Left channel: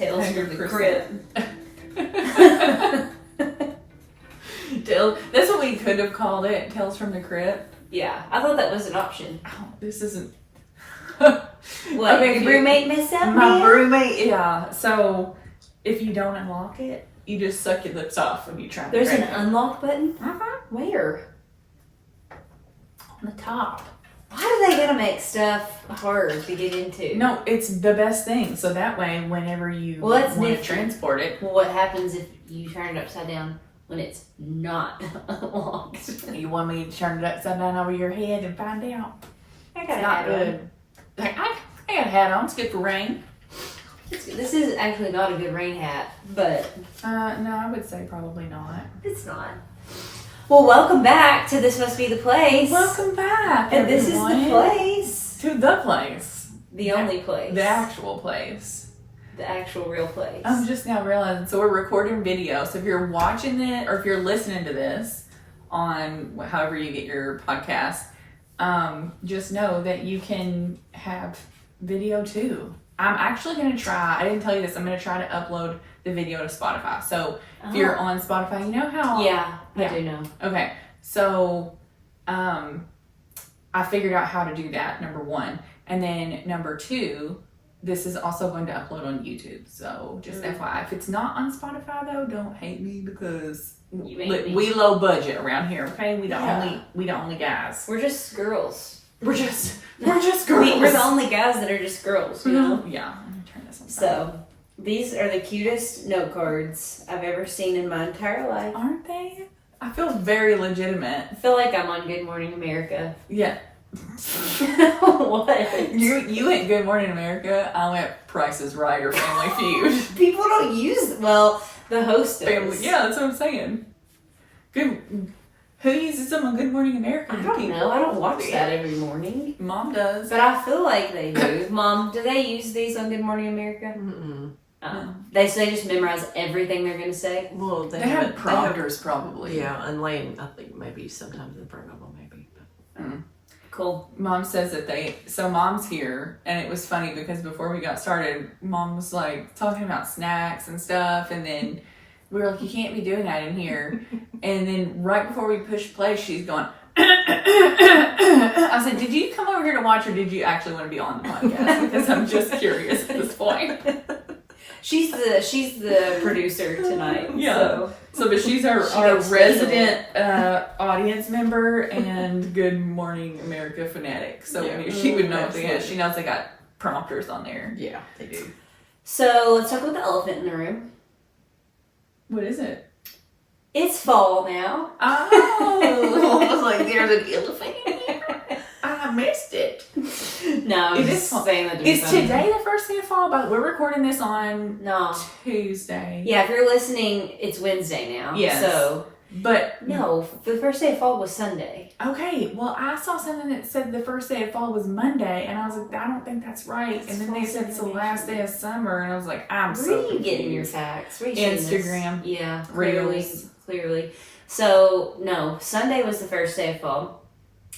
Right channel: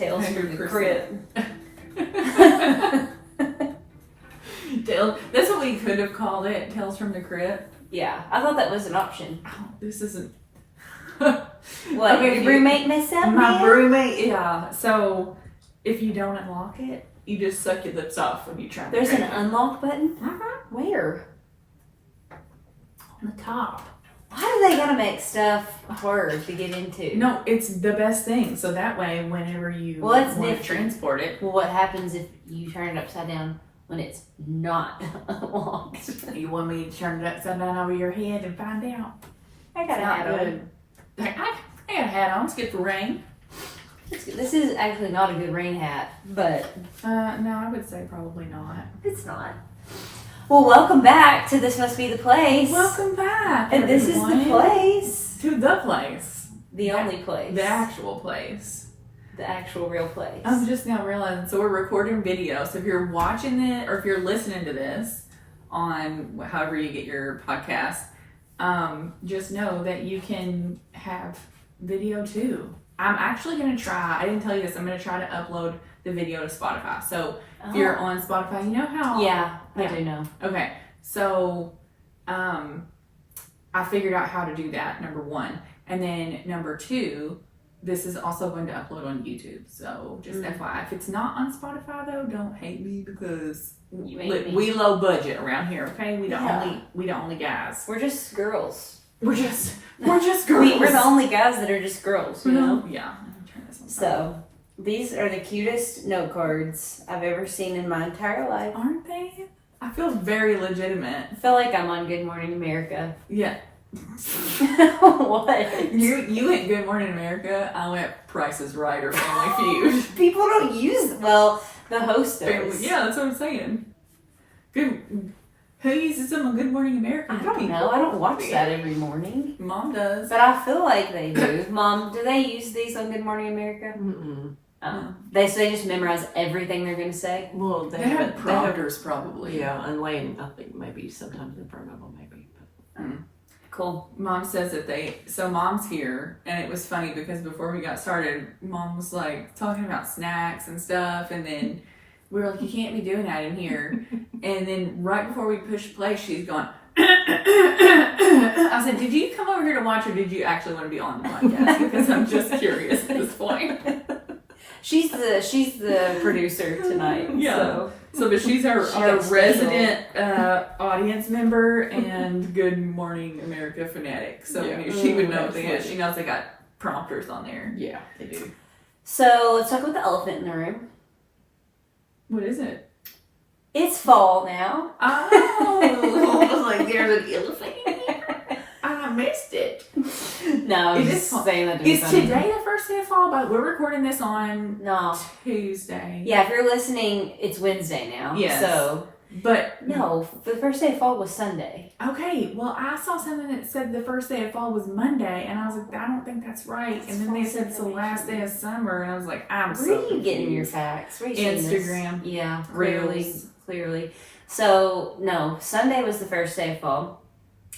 Tales from the Crypt. That's what we could have called it, Tales from the Crypt. Yeah, I thought that was an option. Oh, this isn't... What, okay, your roommate messed up, my roommate, yeah. So, if you don't unlock it, you just suck your lips off when you try to There's an unlock button? Where? On the top. Why do they gotta make stuff hard to get into? No, it's the best thing. So that way, whenever you want to transport it... Well, what happens if you turn it upside down when it's not unlocked? You want me to turn it upside down over your head and find out? I got a hat on. Like, I got a hat on. It's good for rain. This is actually not a good rain hat, but... no, I would say probably not. It's not. Well, welcome back to This Must Be the Place. Welcome back, and this is the place. To the place. The only place. The actual place. The actual real place. I'm just now realizing, so we're recording video, so if you're watching it, or if you're listening to this on however you get your podcast, just know that you can have video too. I'm actually going to try, I didn't tell you this, I'm going to try to upload the video to Spotify. So if you're on Spotify, you know how... Yeah, I do know. Okay, so I figured out how to do that, number one. And then number two, this is also going to upload on YouTube. So just FYI, if it's not on Spotify though, don't hate me because we low budget around here, okay? We the only guys. We're just girls. We're just girls. We're the only guys that are just girls, you know? Yeah. Let me turn this on. So, these are the cutest note cards I've ever seen in my entire life. Aren't they? I feel very legitimate. I feel like I'm on Good Morning America. Yeah. What? You went Good Morning America. I went Price is Right or Family Feud. People don't use, well, the host does. Yeah, that's what I'm saying. Good. Who uses them on Good Morning America? I don't know. I don't watch that every morning. Mom does. But I feel like they do. Mom, do they use these on Good Morning America? Mm-mm. They just memorize everything they're going to say? Well, they have prompters probably. Yeah, and Lane, I think maybe sometimes in front of them, maybe. Cool. Mom says that so Mom's here, and it was funny because before we got started, Mom was like talking about snacks and stuff, and then we were like, you can't be doing that in here. And then right before we pushed play, she's going, I said, did you come over here to watch, or did you actually want to be on the podcast? Because I'm just curious at this point. She's the producer tonight. Yeah. But she's our resident audience member and Good Morning America fanatic. So she would know. She knows they got prompters on there. Yeah, they do. So let's talk about the elephant in the room. What is it? It's fall now. Oh, I was like, there's an elephant in here? I missed it. No, is saying that. Is today the first day of fall? But we're recording this on Tuesday. Yeah, if you're listening, it's Wednesday now. Yes. So, but no, the first day of fall was Sunday. Okay, well, I saw something that said the first day of fall was Monday, and I was like, I don't think that's right. And then they said it's the last day of summer, and I was like, Where are you getting your facts? Where are you Instagram. Yeah, Reels. Clearly. So, no, Sunday was the first day of fall,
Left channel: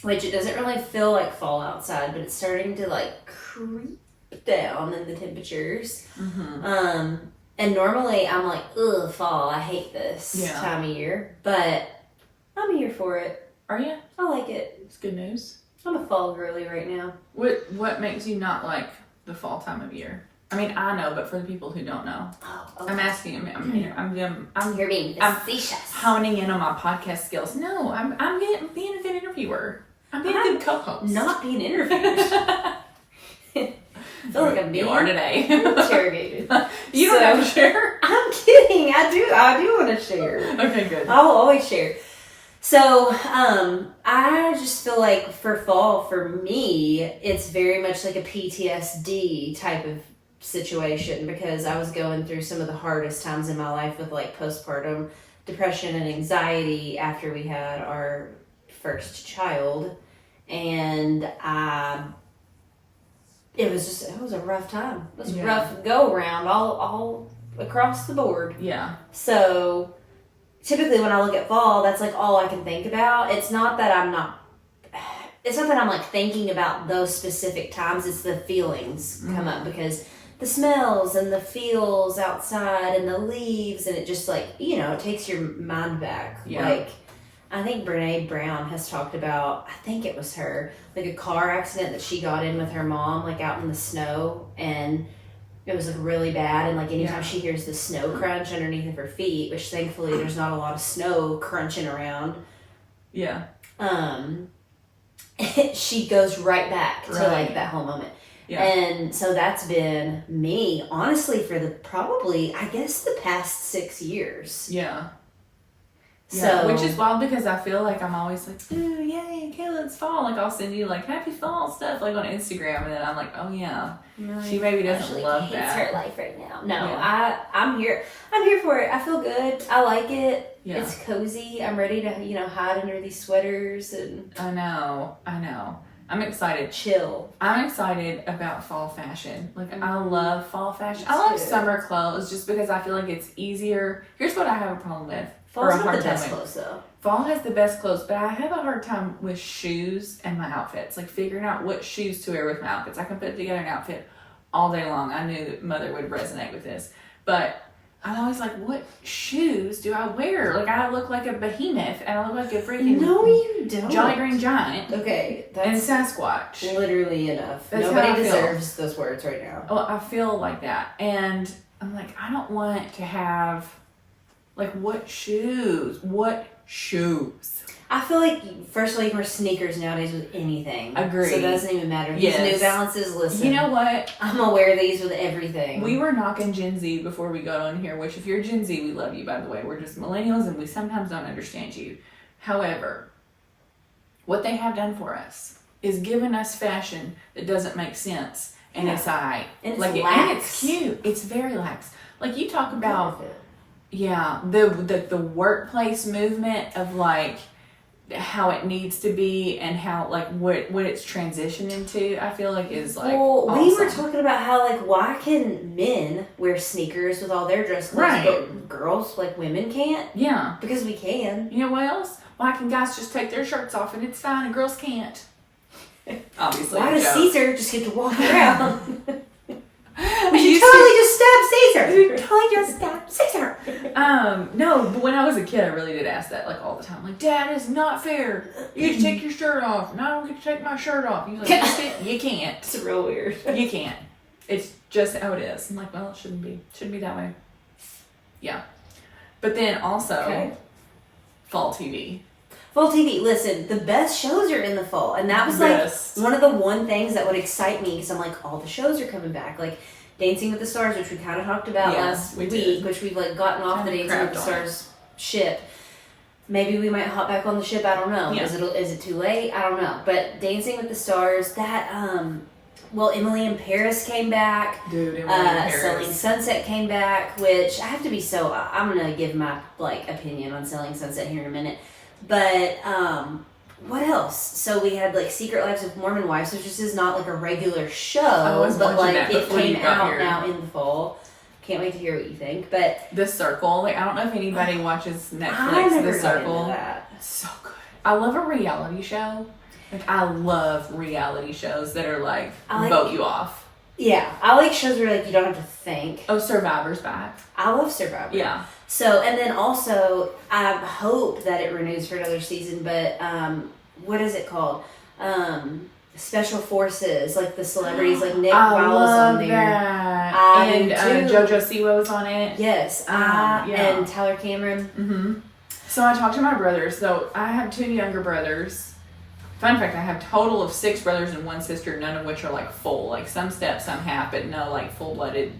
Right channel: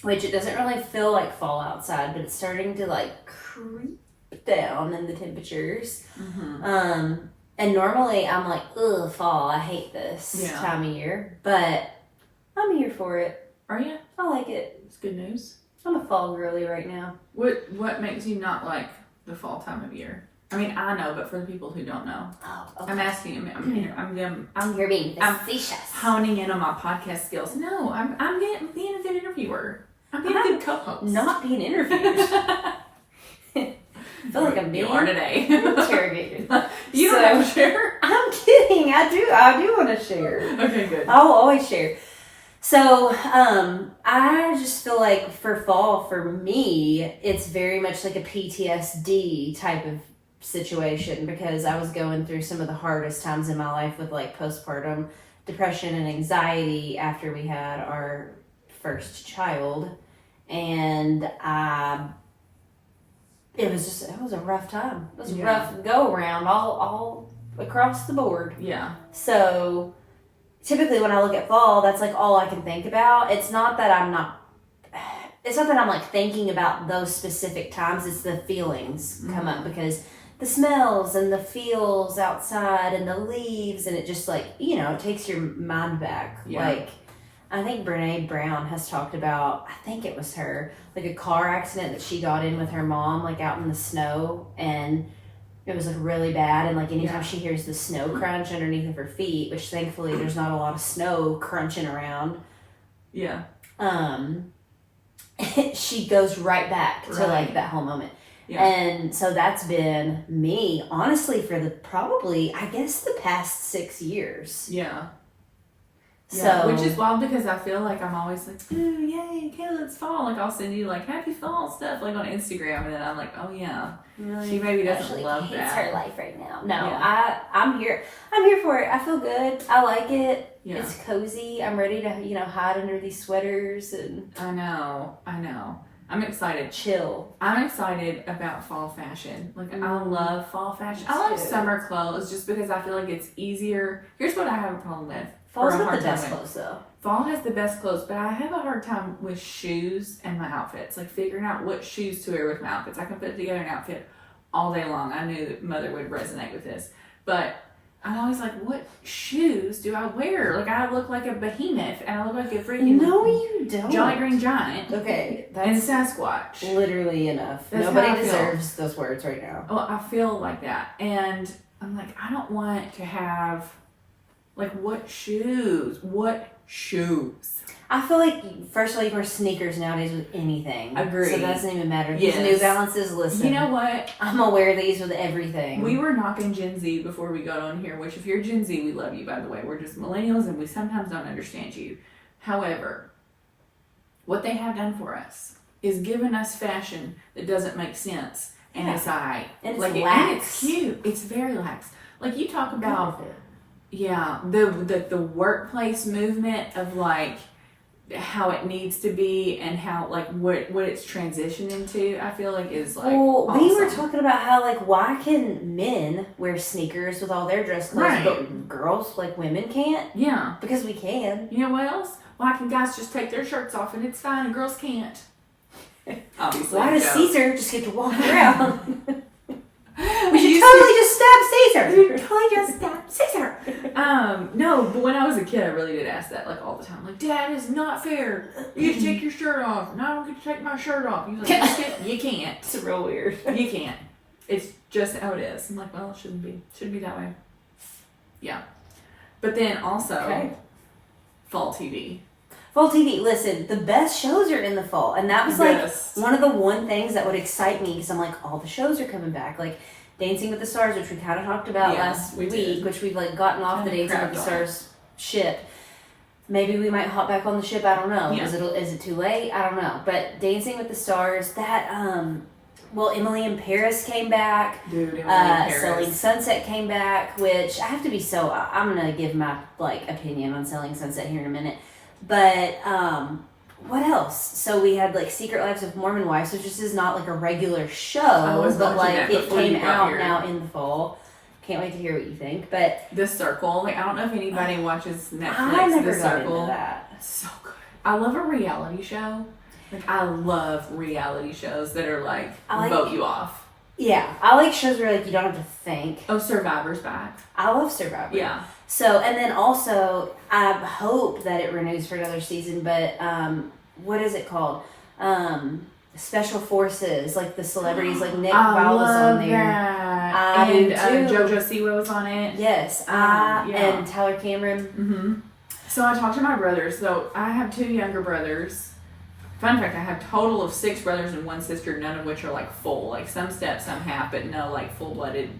which it doesn't really feel like fall outside, but it's starting to like creep down in the temperatures. Mm-hmm. And normally I'm like, ugh, fall, I hate this time of year, but I'm here for it. Are you? I like it. It's good news. I'm a fall girly right now. What makes you not like the fall time of year? I mean, I know, but for the people who don't know, I'm asking you. You're being facetious. I'm honing in on my podcast skills. No, I'm being a good interviewer. I'm being a good co-host. Not being interviewed. I feel like I'm being today. interrogated. You don't have to share? I'm kidding. I do want to share. Okay, good. I'll always share. So, I just feel like for fall, for me, it's very much like a PTSD type of situation because I was going through some of the hardest times in my life with like postpartum depression and anxiety after we had our first child. And it was a rough time. It was a rough go around all across the board. Yeah. So typically when I look at fall, that's like all I can think about. It's not that I'm like thinking about those specific times. It's the feelings come up because the smells and the feels outside and the leaves, and it just like, you know, it takes your mind back. Yeah. Like, I think Brene Brown has talked about, I think it was her, like a car accident that she got in with her mom, like out in the snow, and it was like really bad. And like anytime she hears the snow crunch underneath of her feet, which thankfully there's not a lot of snow crunching around. Yeah. She goes right back to like that whole moment. Yeah. And so that's been me, honestly, for the probably, I guess, the past 6 years. Yeah. So, yeah, which is wild because I feel like I'm always like, ooh, yay, Kayla, it's fall. Like, I'll send you, like, happy fall stuff, like, on Instagram. And then I'm like, oh, yeah. She maybe doesn't love hates that. her life right now. No, I'm here. I'm here for it. I feel good. I like it. Yeah. It's cozy. I'm ready to, you know, hide under these sweaters. And I know. I'm excited. Chill. I'm excited about fall fashion. Like, I love fall fashion. I love summer clothes just because I feel like it's easier. Here's what I have a problem with. Fall's got the best clothes, though. Fall has the best clothes, but I have a hard time with shoes and my outfits. Like, figuring out what shoes to wear with my outfits. I can put together an outfit all day long. I knew that Mother would resonate with this. But I'm always like, what shoes do I wear? Like, I look like a behemoth, and I look like a freaking... No, you don't. Jolly Green Giant. Okay, that's... And Sasquatch. Literally enough. Nobody deserves those words right now. Well, I feel like that. And I'm like, I don't want to have... Like, what shoes? What shoes? I feel like, first of all, you can wear sneakers nowadays with anything. Agreed. So that doesn't even matter. These New Balances, listen. You know what? I'm going to wear these with everything. We were knocking Gen Z before we got on here, which if you're Gen Z, we love you, by the way. We're just millennials, and we sometimes don't understand you. However, what they have done for us is given us fashion that doesn't make sense. And it's alright. And it's like, lax. And it's cute. It's very lax. Like, you talk about... Yeah, the workplace movement of like how it needs to be and how like what it's transitioning to, I feel like is like awesome. We were talking about how like why can men wear sneakers with all their dress clothes, but girls, like women, can't? Yeah, because we can. You know what else? Why can guys just take their shirts off and it's fine and girls can't? Obviously. Why does Caesar just get to walk around? We should totally just stab Caesar. We totally just stab Caesar. No, but when I was a kid, I really did ask that like all the time. Like, Dad, it's not fair. You get to take your shirt off, and I don't get to take my shirt off. He's like, you can't. It's real weird. You can't. It's just how it is. I'm like, well, it shouldn't be. Shouldn't be that way. Yeah. But then also, fall TV. Fall TV, listen, the best shows are in the fall. And that was like one of the one things that would excite me because I'm like, all the shows are coming back. Like Dancing with the Stars, which we kind of talked about last week, which we've like gotten off the Dancing with the Stars ship. Maybe we might hop back on the ship, I don't know. Yeah. Is it too late? I don't know. But Dancing with the Stars, that, Emily in Paris came back. Dude, Emily in Paris. Selling Sunset came back, which I have to be I'm going to give my like opinion on Selling Sunset here in a minute. But, what else? So we had, like, Secret Lives of Mormon Wives, which just is not, like, a regular show, but, like, it came out now in the fall. Can't wait to hear what you think, but... The Circle, like, I don't know if anybody watches Netflix, I never The got Circle. into that. So good. I love a reality show. Like, I love reality shows that are, like, vote you off. Yeah, I like shows where, like, you don't have to think. Oh, Survivor's back. I love Survivor. Yeah. So, and then also, I hope that it renews for another season, but what is it called? Special Forces, like the celebrities, like Nick Viall's on there. That. And JoJo Siwo's on it. Yes, and Tyler Cameron. Mm-hmm. So I talked to my brothers. So I have 2 younger brothers. Fun fact, I have a total of 6 brothers and 1 sister, none of which are like full. Like some step, some half, but no like full-blooded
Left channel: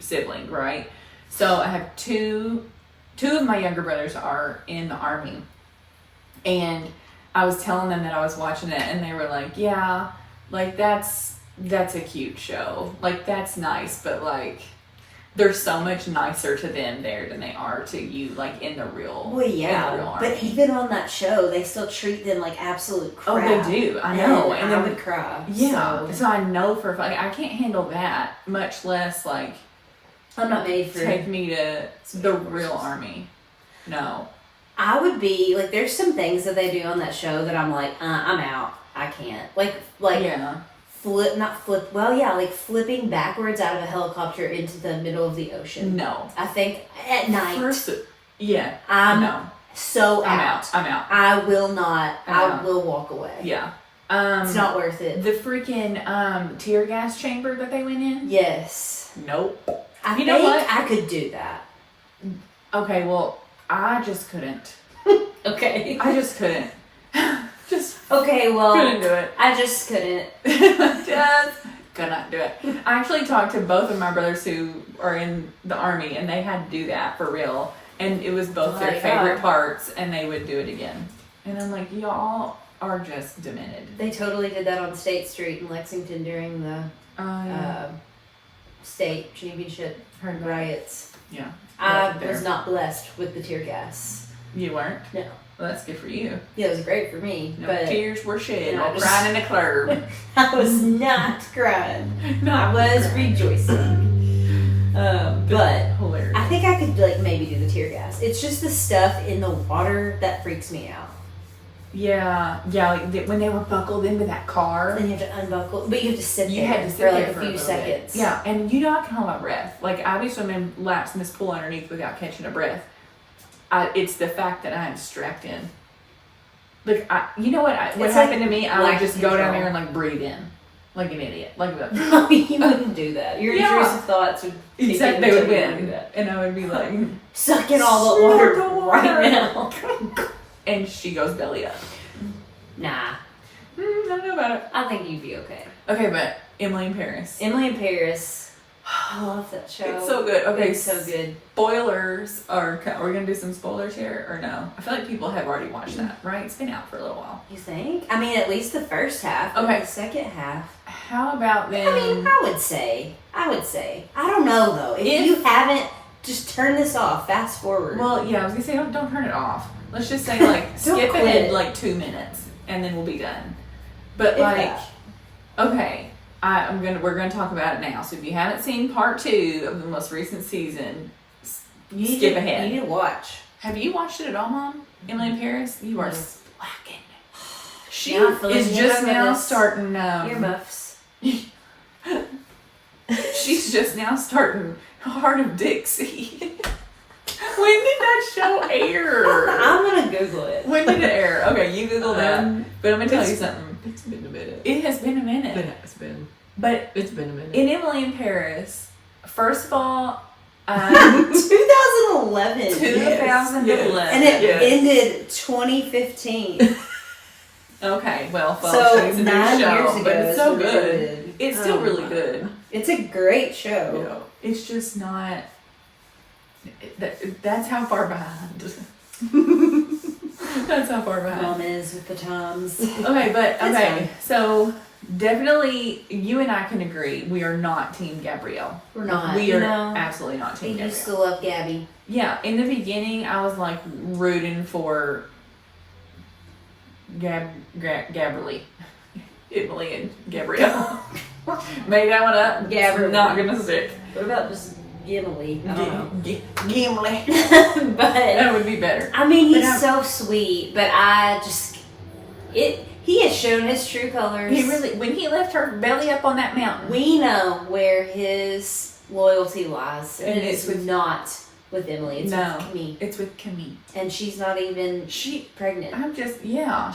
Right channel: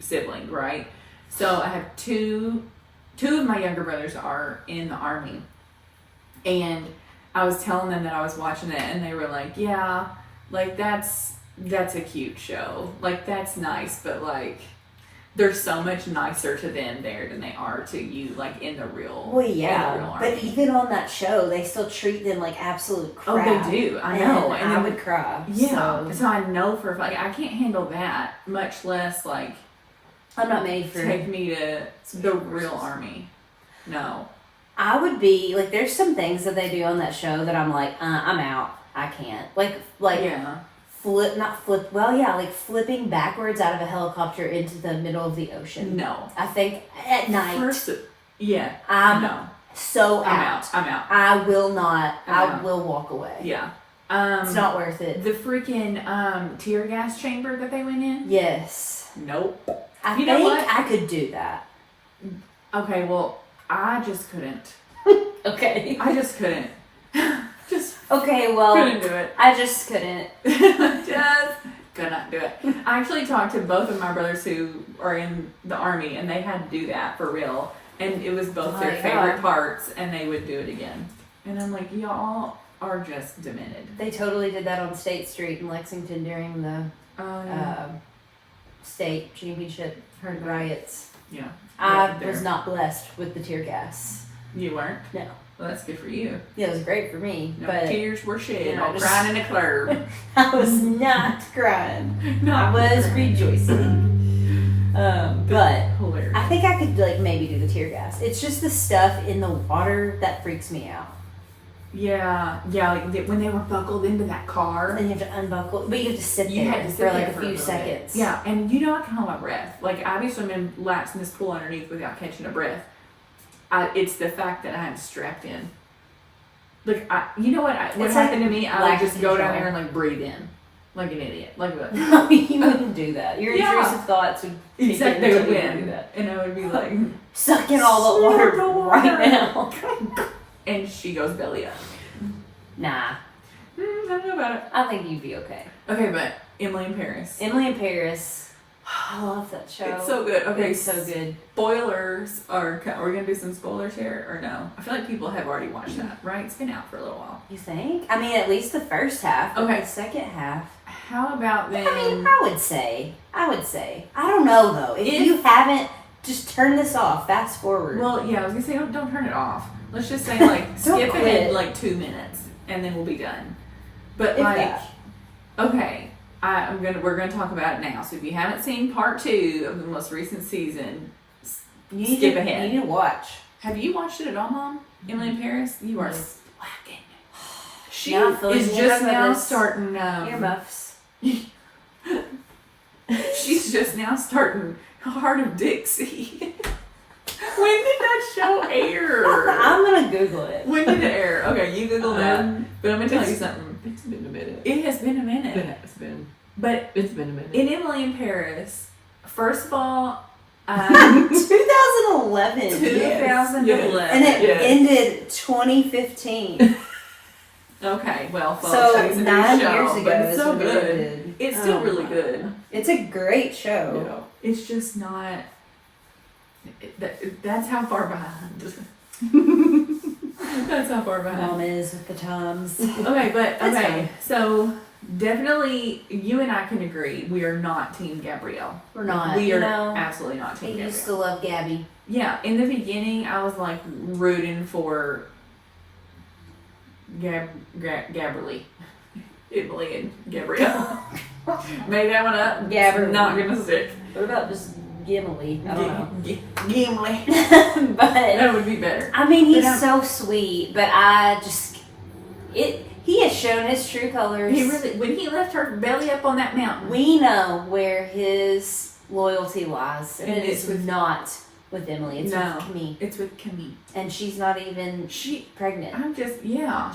sibling, right? So I have two of my younger brothers are in the Army. And I was telling them that I was watching it, and they were like, yeah, like, that's a cute show. Like, that's nice, but, like, there's so much nicer to them there than they are to you, like, in the real Well, yeah, in the real Army. But even on that show, they still treat them like absolute crap. Oh, they do. I know. And I would cry. Yeah. So I know for a fact, I can't handle that, much less, like, I'm not made for... Take me to the real Army. No. I would be, like, there's some things that they do on that show that I'm like, I'm out. I can't. Like yeah. like flipping backwards out of a helicopter into the middle of the ocean. No. I think at night. Yeah. I'm no. so I'm out. I will not. I'm I out. will walk away. Yeah. It's not worth it. The freaking tear gas chamber that they went in? Yes. Nope. I You know think what? I could do that. Okay, well, I just couldn't. Okay. I just couldn't. Just Okay, well, couldn't do it. I just couldn't. Just could not do it. I actually talked to both of my brothers who are in the army, and they had to do that for real. And it was both their my favorite God. parts, and they would do it again. And I'm like, y'all are just demented. They totally did that on State Street in Lexington during the state championship riots. Yeah. I Right there. was not blessed with the tear gas. You weren't? No. Well, that's good for you. Yeah, it was great for me, No but tears were shed, Yeah, all just- crying in the club. I was not crying. No. I was rejoicing. But Hilarious. I think I could like maybe do the tear gas. It's just the stuff in the water that freaks me out. Yeah, like when they were buckled into that car. Then you have to unbuckle, but you have to sit You there had to sit for there like a for few little bit. seconds. Yeah, and you know I can hold my breath. Like I be swimming laps in this pool underneath without catching a breath. It's the fact that I'm strapped in. Like you know what It's happened like to me? I lack would just of go down control. there and like breathe in, like an idiot, like that. No, you wouldn't do that. Your Yeah. intrusive thoughts would Except kick they in would until you do win, that. and I would be like, Suck in all the water Suck the right water. now. and she goes belly up. Nah, I don't know about it. I think you'd be okay. Okay, but Emily in Paris. Emily in Paris. I love that show. It's so good. Okay, It's so good. Spoilers are we gonna do some spoilers here or no? I feel like people have already watched that, right? It's been out for a little while. You think? I mean, at least the first half. But Okay. The second half. How about then? I mean, I would say. I don't know though. If If- you haven't, just turn this off. Fast forward. Well, yeah, I was gonna say don't turn it off. Let's just say like Don't skip quit. ahead like 2 minutes and then we'll be done. But If like, that. okay, we're gonna talk about it now. So if you haven't seen part 2 of the most recent season, you need skip to, ahead. You need to watch. Have you watched it at all, Mom? Emily in Paris? You are slacking. She Now I feel like is you just remember now this. starting. Earmuffs. She's just now starting Heart of Dixie. When did that show air? I'm gonna Google it. When did it air? Okay, you Google that. But I'm gonna tell you something. It's been a minute. It has been a minute. It has been. But It's been a minute. in Emily in Paris, first of all, 2011. 2011. And it Yes. ended 2015. Okay, well, So she's a new 9 show, years ago. but it's is so when it good. ended. It's still Oh really my good. God. It's a great show. Yeah. It's just not. That's how far behind. That's how far behind. Mom is with the times. Okay, but That's okay, fine. so definitely you and I can agree we are not Team Gabrielle. We're not. We you are know, absolutely not I Team Gabrielle. used to love Gabby. Yeah, in the beginning I was like rooting for Gabrielle. Emily and Gabrielle. Made that one up. Gabrielle. Not gonna stick. What about just Gimli? I don't know. Gimli. But That would be better. I mean, he's But so sweet. But he has shown his true colors. He really, when he left her belly up on that mountain. We know where his loyalty lies, and And it's it's with- not with Emily. It's No. with me, It's with Camille. and she's not even She, pregnant.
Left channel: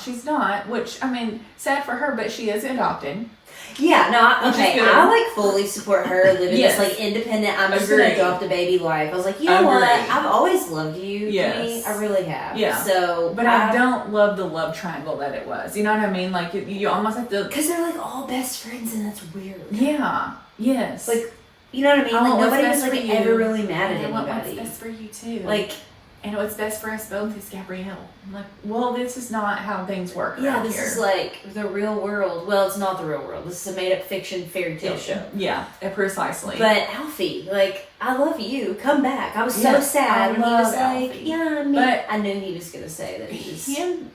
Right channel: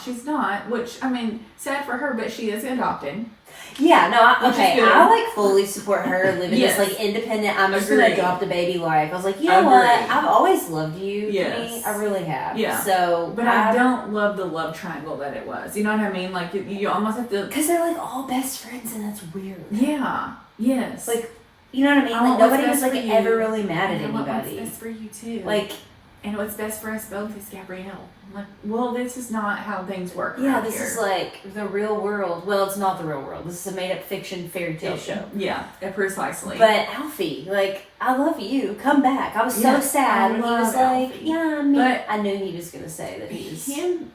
she's not, which, I mean, sad for her, but she is adopted. Yeah, no, Which is okay. good. I like fully support her living Yes. this like independent. I'm just gonna Agreed. adopt a baby life. I was like, you know what? Agreed. I've always loved you. Yes. Kenny. I really have. Yeah. So, But I don't love the love triangle that it was. You know what I mean? Like, you almost have to, because they're like all best friends, and that's weird. yeah, yes. Like, you know what I mean? I Like want what's nobody was best like for you. ever really mad at And I want what's anybody. best for you, too. Like, and what's best for us both is Gabrielle. I'm like, well, this is not how things work yeah, around this here. is like the real world. Well, it's not the real world. This is a made-up fiction fairy tale show. Yeah, precisely. But Alfie, like, I love you. Come back. I was so Yeah, sad I when he was love like, Alfie. yeah, I mean, But- I knew he was gonna say that he was.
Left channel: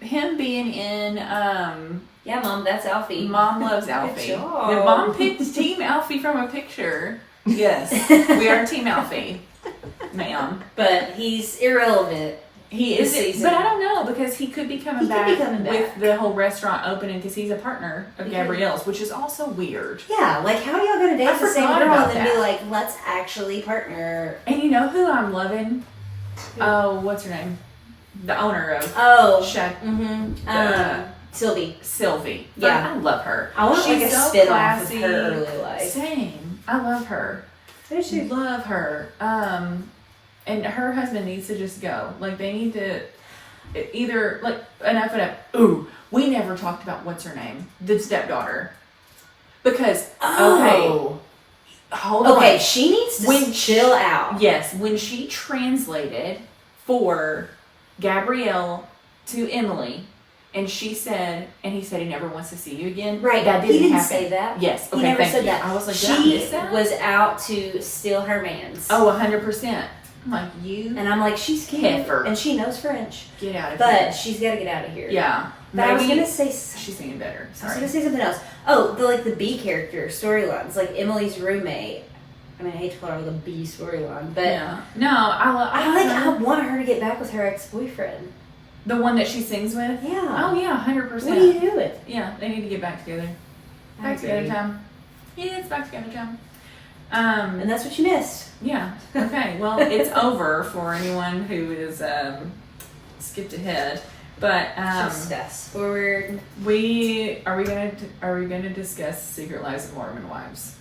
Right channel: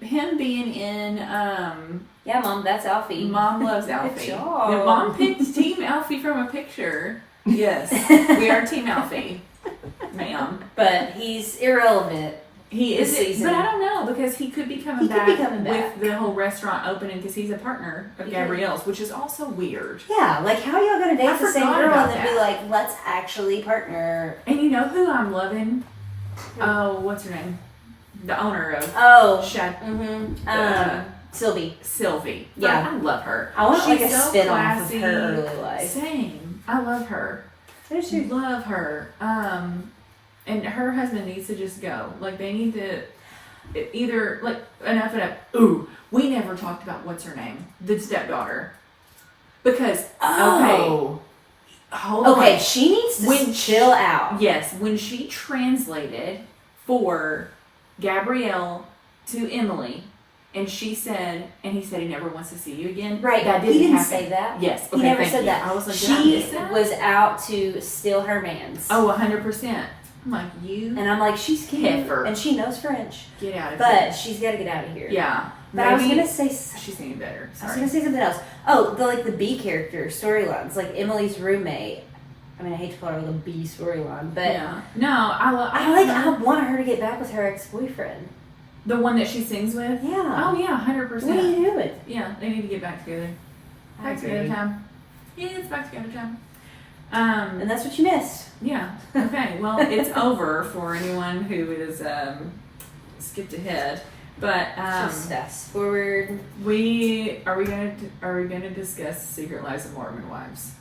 him being in, Yeah, Mom, that's Alfie. Mom loves Good Alfie. job. The mom picked Team Alfie from a picture. Yes, we are Team Alfie, ma'am. But he's irrelevant He this is, season. but I don't know because he could be coming He could back be coming with back. the whole restaurant opening because he's a partner of He Gabrielle's, which is also weird. Yeah, like how are y'all gonna date I the same forgot girl about and then be that. like, let's actually partner? And you know who I'm loving? Who? Oh, what's her name? The owner of Oh, Shack mm-hmm. Sylvie. Sylvie. Yeah. I love her. I want like a She's so spin-off of classy. her early life. Same. I love her. Who's she? Love her. And her husband needs to just go. Like they need to either like enough. Ooh, we never talked about what's her name, the stepdaughter, because Oh. hold on. Okay, she needs to chill out. Yes, when she translated for Gabrielle to Emily, and she said, and he said he never wants to see you again. Right, that he didn't happen. say that. Yes, He okay, never thank said you. that. I was like, did I She miss that? was out to steal her man's. Oh, 100%. I'm like, you And I'm like, she's cute. Heifer. And she knows French. get out of But here. she's got to get out of here. Yeah. But I was Maybe going to say... she's singing better. I was Sorry. going to say something else. Oh, the B character storylines. Like Emily's roommate. I mean, I hate to call her like a B storyline. But Yeah. No, I I want her to get back with her ex-boyfriend. the one that she sings with. Yeah. Oh yeah, 100%. What are you doing? Yeah, they need to get back together. I Back together agree. time. Yeah, it's back together time. And that's what you missed. Yeah. Okay. Well, it's over for anyone who is skipped ahead. But Just fast forward. are we gonna discuss Secret Lives of Mormon Wives?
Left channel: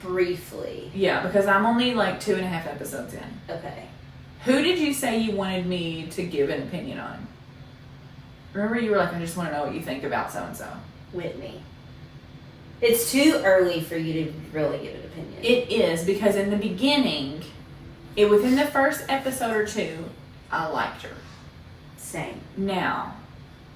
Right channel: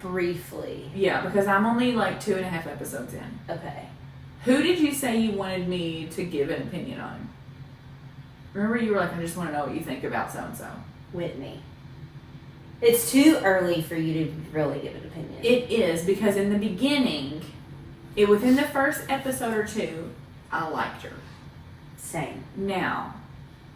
Briefly. Yeah, because I'm only like 2.5 episodes in. Okay. Who did you say you wanted me to give an opinion on? Remember, you were like, I just want to know what you think about so and so. Whitney. It's too early for you to really give an opinion. It is because in the beginning, within the first episode or two, I liked her. Same. Now,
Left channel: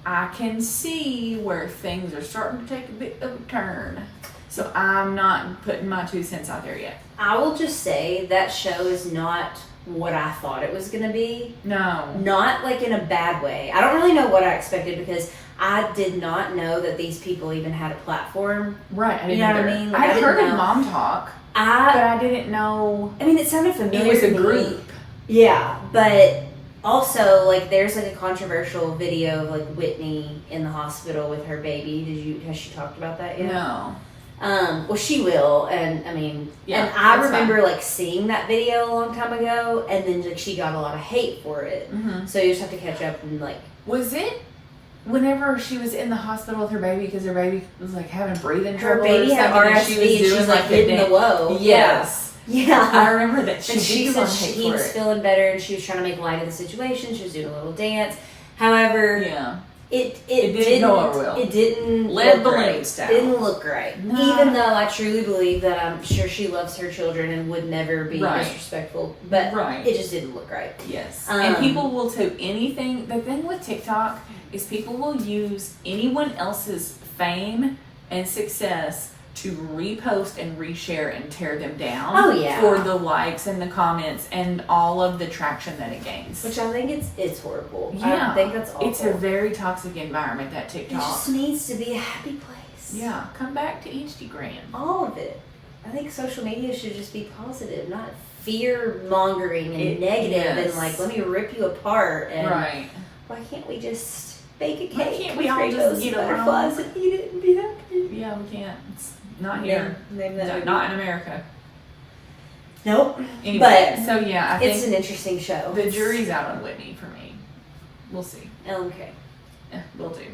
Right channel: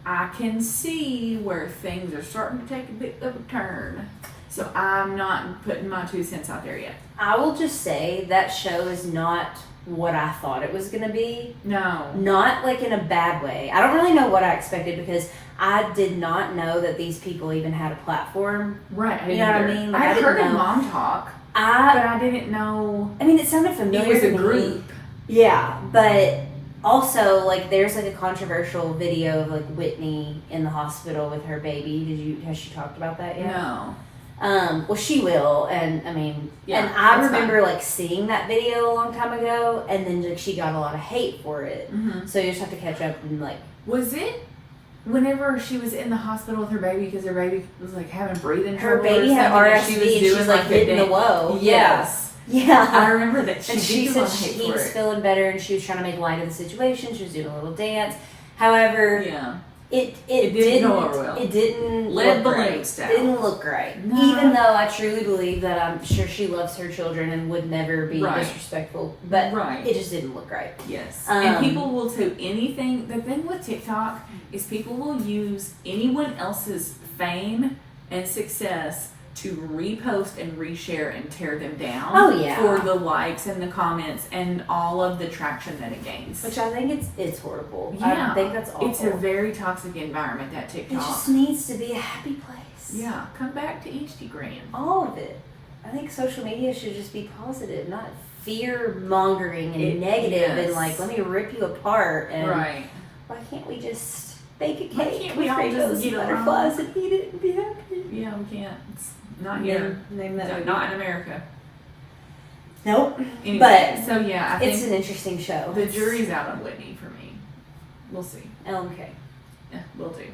I can see where things are starting to take a bit of a turn. So I'm not putting my 2 cents out there yet. I will just say that show is not what I thought it was going to be. No. Not like in a bad way. I don't really know what I expected because I did not know that these people even had a platform. Right. I didn't You know what I either. mean? Like, I I didn't heard of know. Mom Talk, but I didn't know I mean, it sounded familiar it was to a me. group. Yeah, but also like there's like a controversial video of like Whitney in the hospital with her baby. Has she talked about that yet? No. Well, she will, and I mean, Yeah, and I that's remember like seeing that video a long time ago, and then like she got a lot of hate for it. Mm-hmm. So you just have to catch up and like. Was it whenever she was in the hospital with her baby because her baby was like having breathing Her trouble? baby or had something, RSV, and and she's like hitting the whoa. Yes. Yeah. I remember that And she did said get on hate he for was it. feeling better, and she was trying to make light of the situation. She was doing a little dance. However, Yeah. It didn't go over well. It didn't Led look balloon right. style. It didn't look right. No. Even though I truly believe that I'm sure she loves her children and would never be Right. disrespectful, but Right. it just didn't look right. Yes. Um, And people will do anything. The thing with TikTok is people will use anyone else's fame and success to repost and reshare and tear them down. Oh, yeah. For the likes and the comments and all of the traction that it gains. Which I think it's horrible. Yeah. I think that's awful. It's a very toxic environment, that it TikTok. just needs to be a happy place. Yeah. Come back to Instagram. All of it. I think social media should just be positive, not fear mongering and negative and yes. like let me rip you apart and Right. why can't we just bake a Why cake can't with we all rainbows just and get along? butterflies and eat it and be happy? Yeah, we can't. It's not here. Name that movie. Not in America. Nope. Anyway, But so yeah, I it's think an interesting show. the jury's out on Whitney for me. We'll see. Okay. We'll do.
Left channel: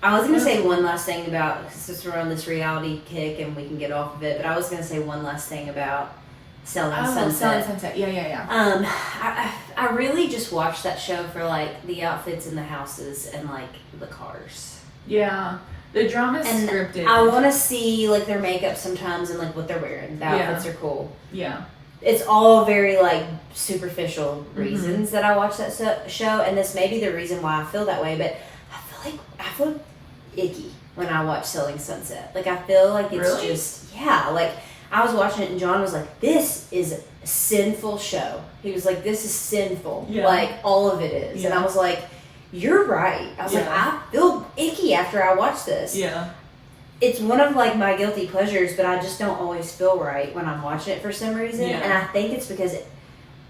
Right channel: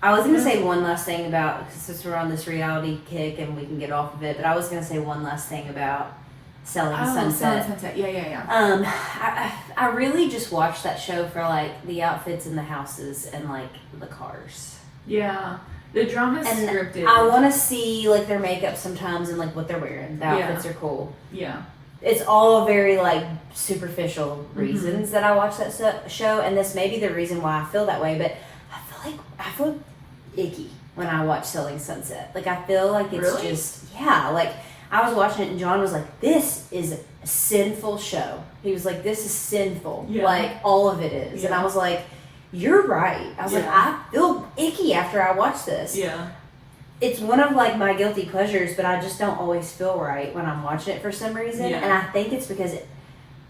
I was gonna say one last thing about since we're on this reality kick and we can get off of it, but I was gonna say one last thing about Selling Sunset. Sunset. Yeah. I really just watched that show for like the outfits in the houses and like the cars. Yeah. The drama's And scripted. I want to see like their makeup sometimes and like what they're wearing. The outfits are cool. Yeah. It's all very like superficial Mm-hmm. reasons that I watch that show, and this may be the reason why I feel that way. But I feel icky when I watch Selling Sunset. Like I feel like it's Really? just like I was watching it and John was like, "This is a sinful show." He was like, "This is sinful." Yeah. Like all of it is, and Yeah. I was like, "You're right." I was like, Yeah. "I feel icky after I watch this." Yeah. It's one of like my guilty pleasures, but I just don't always feel right when I'm watching it for some reason. Yeah. And I think it's because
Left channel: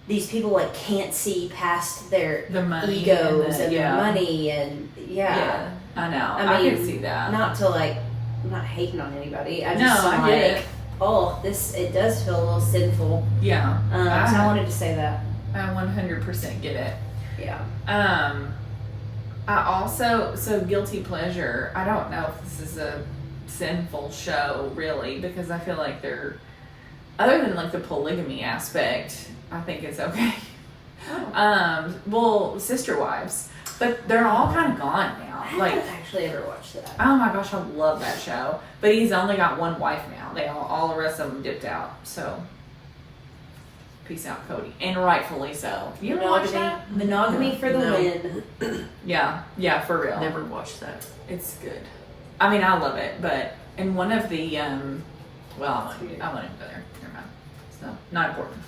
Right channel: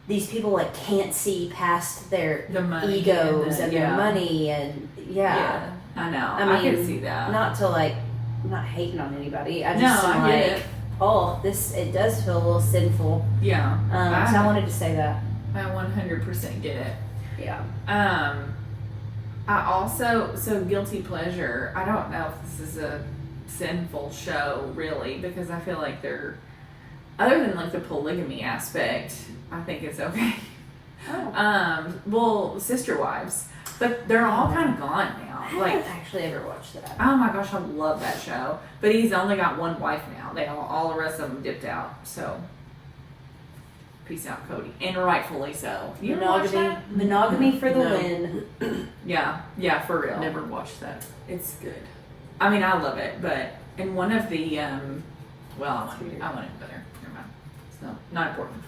these people like can't see past their The money egos and and their money and Yeah, I know. I mean, can see that. Not to like, I'm not hating on anybody. I No, just am I get like, it. oh, it does feel a little sinful. Yeah. So I wanted to say that. I 100% get it. Yeah. I also, so guilty pleasure, I don't know if this is a sinful show really, because I feel like they're, other than like the polygamy aspect, I think it's okay. Oh. Well, Sister Wives, but they're all kind of gone now. I haven't actually ever watched that. Oh my gosh, I love that show. But he's only got one wife now. They all the rest of them dipped out. So, peace out, Cody, and rightfully so. You ever watch that? Monogamy for the No. win. Yeah, for real. Never watched that. It's good. I mean, I love it, but in one of the well, I won't even go there. Never mind. It's not important.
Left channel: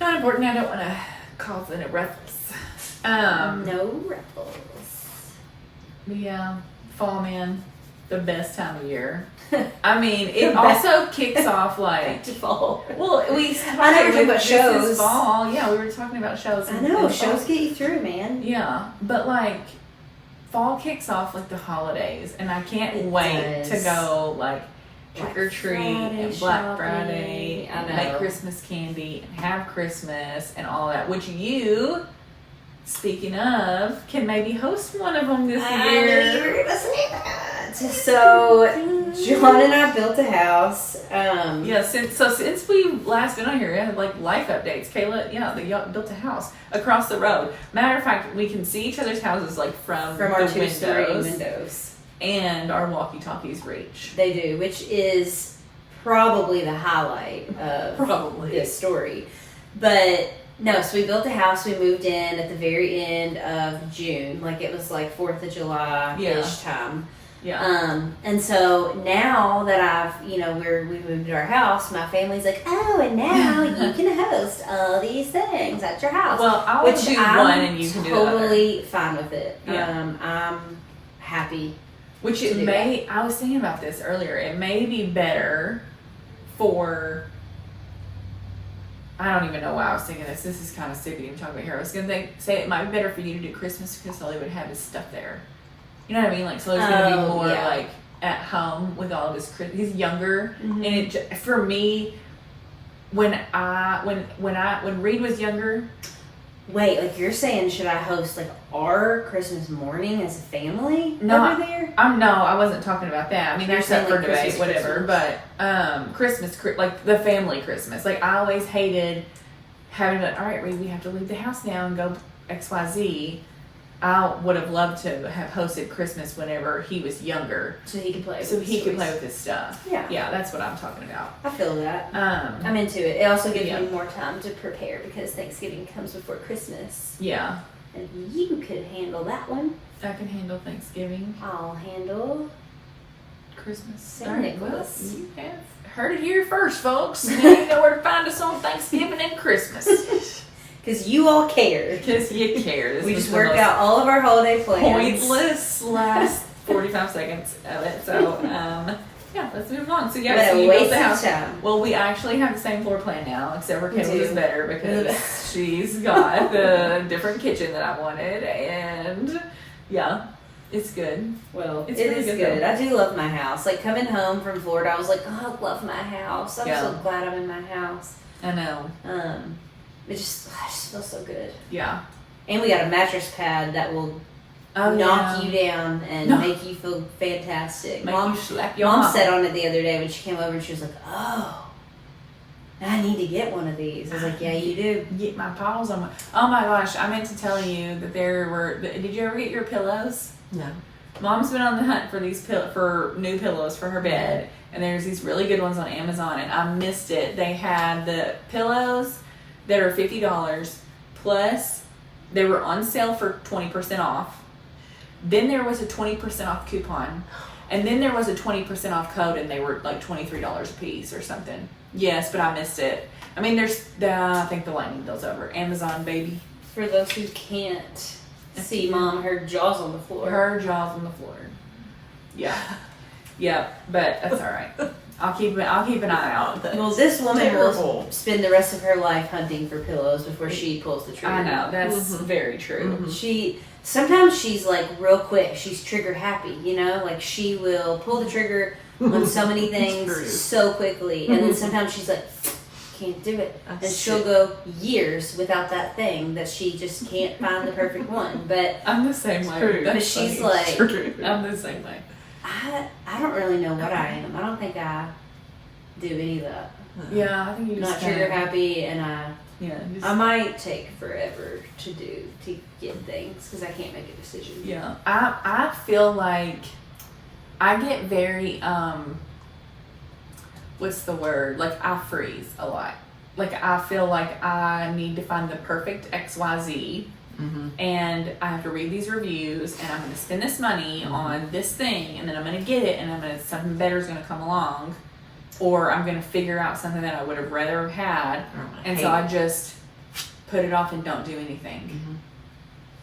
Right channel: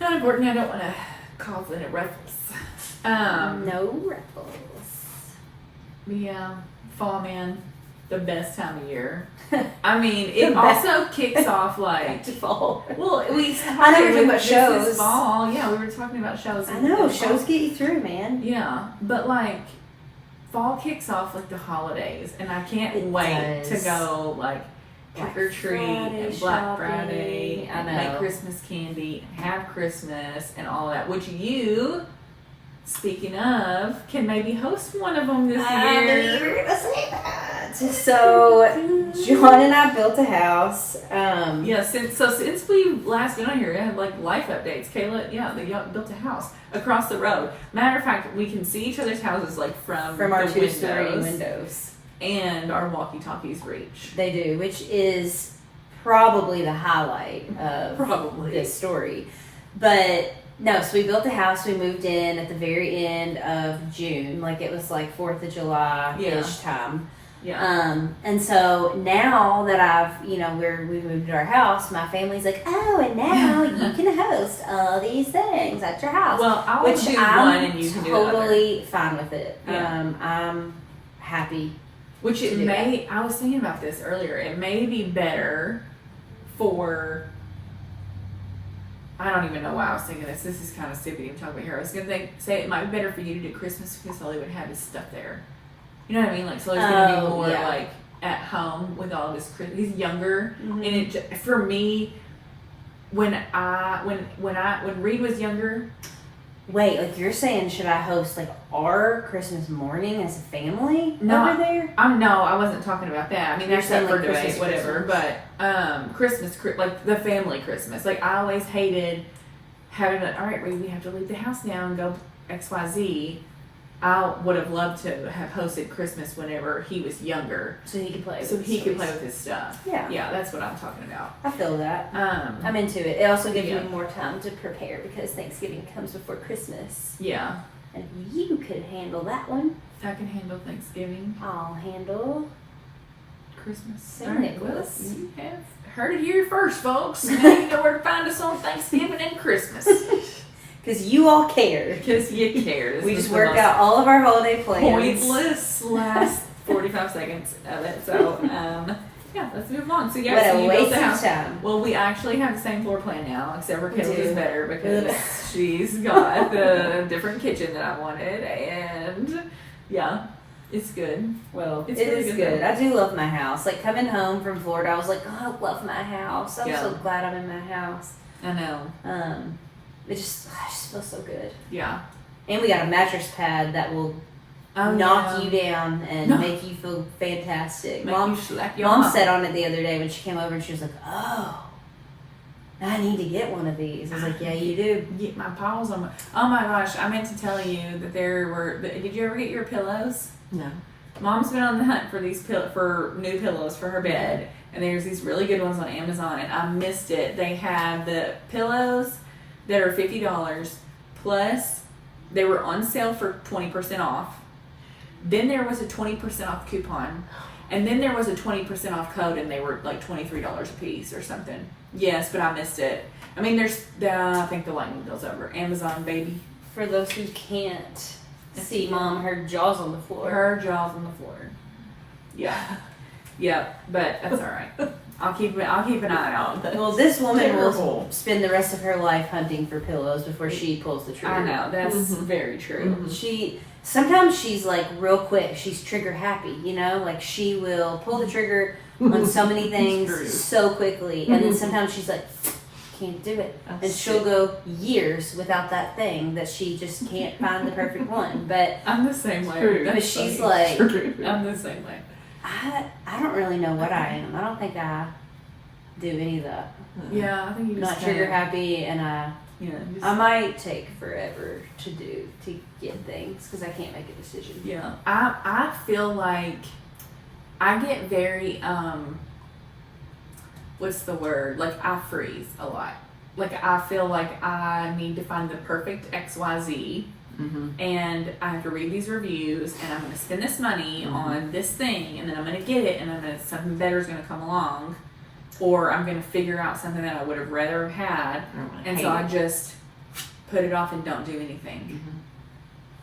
Not important. I don't want to cause any ruffles. No ruffles. But yeah, fall, man, the best time of year. I mean, it also kicks off like To fall. well, I know we're talking about this shows. is fall. Yeah, we were talking about shows. I know, in shows fall. get you through, man. Yeah, but like fall kicks off like the holidays, and I can't It wait does. to go like Black trick or treat Friday and Black shopping. Friday I and know. make Christmas candy and have Christmas and all that. Which you, speaking of, can maybe host one of them this I knew you year. were gonna say that. So, John and I built a house. Yeah, since we last been on here, I had like life updates. Kayla, they built a house across the road. Matter of fact, we can see each other's houses like from our the 2-story windows, windows. and our walkie-talkies reach. They do, which is probably the highlight of Probably. this story. But no, so we built a house. We moved in at the very end of June, like it was like 4th of July-ish time. Yeah. And so now that I've, we moved to our house, my family's like, oh, and now you can host all these things at your house. Well, I'll which do I'm one and you can do the other. totally fine with it. Yeah. I'm happy. Which to it do may, I was thinking about this earlier, it may be better for, I don't even know why I was thinking this. This is kind of stupid even talking about here. I was going to say it might be better for you to do Christmas because all they would have is stuff there. You know what I mean? Like, so there's going to be more like at home with all this. He's younger, and it for me, when Reed was younger. Wait, like you're saying, should I host like our Christmas morning as a family No, over there? No, I wasn't talking about that. I mean, You're that's up saying, for like, debate, Christmas, whatever. But Christmas, like the family Christmas. Like I always hated having to. All right, Reed, we have to leave the house now and go XYZ. I would have loved to have hosted Christmas whenever he was younger, So he could play. so with he his could toys. play with his stuff. Yeah. Yeah, that's what I'm talking about. I feel that. I'm into it. It also gives me more time to prepare because Thanksgiving comes before Christmas. Yeah, And you could handle that one. I can handle Thanksgiving, I'll handle Christmas. St. All right, Nicholas. well, you have heard it here first, folks. Now you know where to find us on Thanksgiving and Christmas. because you all care. Because you care. This We was just the worked most out all of our holiday plans. pointless last 45 seconds of it. So, yeah, let's move on. So, yeah, What so a you built waste the of house. time. Well, we actually have the same floor plan now, except for We Kayla's do. is better because she's got the different kitchen that I wanted. And, yeah, it's good. Well, It's it really is good, good. though. I do love my house. Like coming home from Florida, I was like, oh, I love my house. I'm Yeah. so glad I'm in my house. I know. I just feel so good. Yeah. And we got a mattress pad that will Oh, knock yeah. you down and No. make you feel fantastic. Make Mom you slap your Mom mom. sat on it the other day when she came over and she was like, oh, I need to get one of these. I was like, yeah, you do. Get my paws on my. Oh my gosh! I meant to tell you that there were. Did you ever get your pillows? No. Mom's been on the hunt for for new pillows for her bed, and there's these really good ones on Amazon, and I missed it. They had the pillows that are $50 plus they were on sale for 20% off. Then there was a 20% off coupon, and then there was a 20% off code, and they were like $23 a piece or something. Yes, but I missed it. I mean, I think the lightning bill's over. Amazon, baby. For those who can't see Mom, her jaw's on the floor. Her jaw's on the floor. Yeah. Yeah, but that's all right. I'll keep an eye out. Well, this woman will Terrible. spend the rest of her life hunting for pillows before she pulls the trigger. I know, that's very true. Sometimes she's like real quick. She's trigger happy, like she will pull the trigger on so many things so quickly, and then sometimes she's like, can't do it, and she'll go years without that thing that she just can't find the perfect one. But I'm the same way. but she's like, I'm the same way. I don't really know what I am. I don't think I do any of that. Yeah, I think you I'm just not trigger happy, and just, I might take forever to get things because I can't make a decision. Yeah, I feel like I get very what's the word? Like I freeze a lot. Like I feel like I need to find the perfect XYZ. And I have to read these reviews, and I'm going to spend this money on this thing, and then I'm going to get it, and something better is going to come along, or I'm going to figure out something that I would have rather have had, and so I just put it off and don't do anything.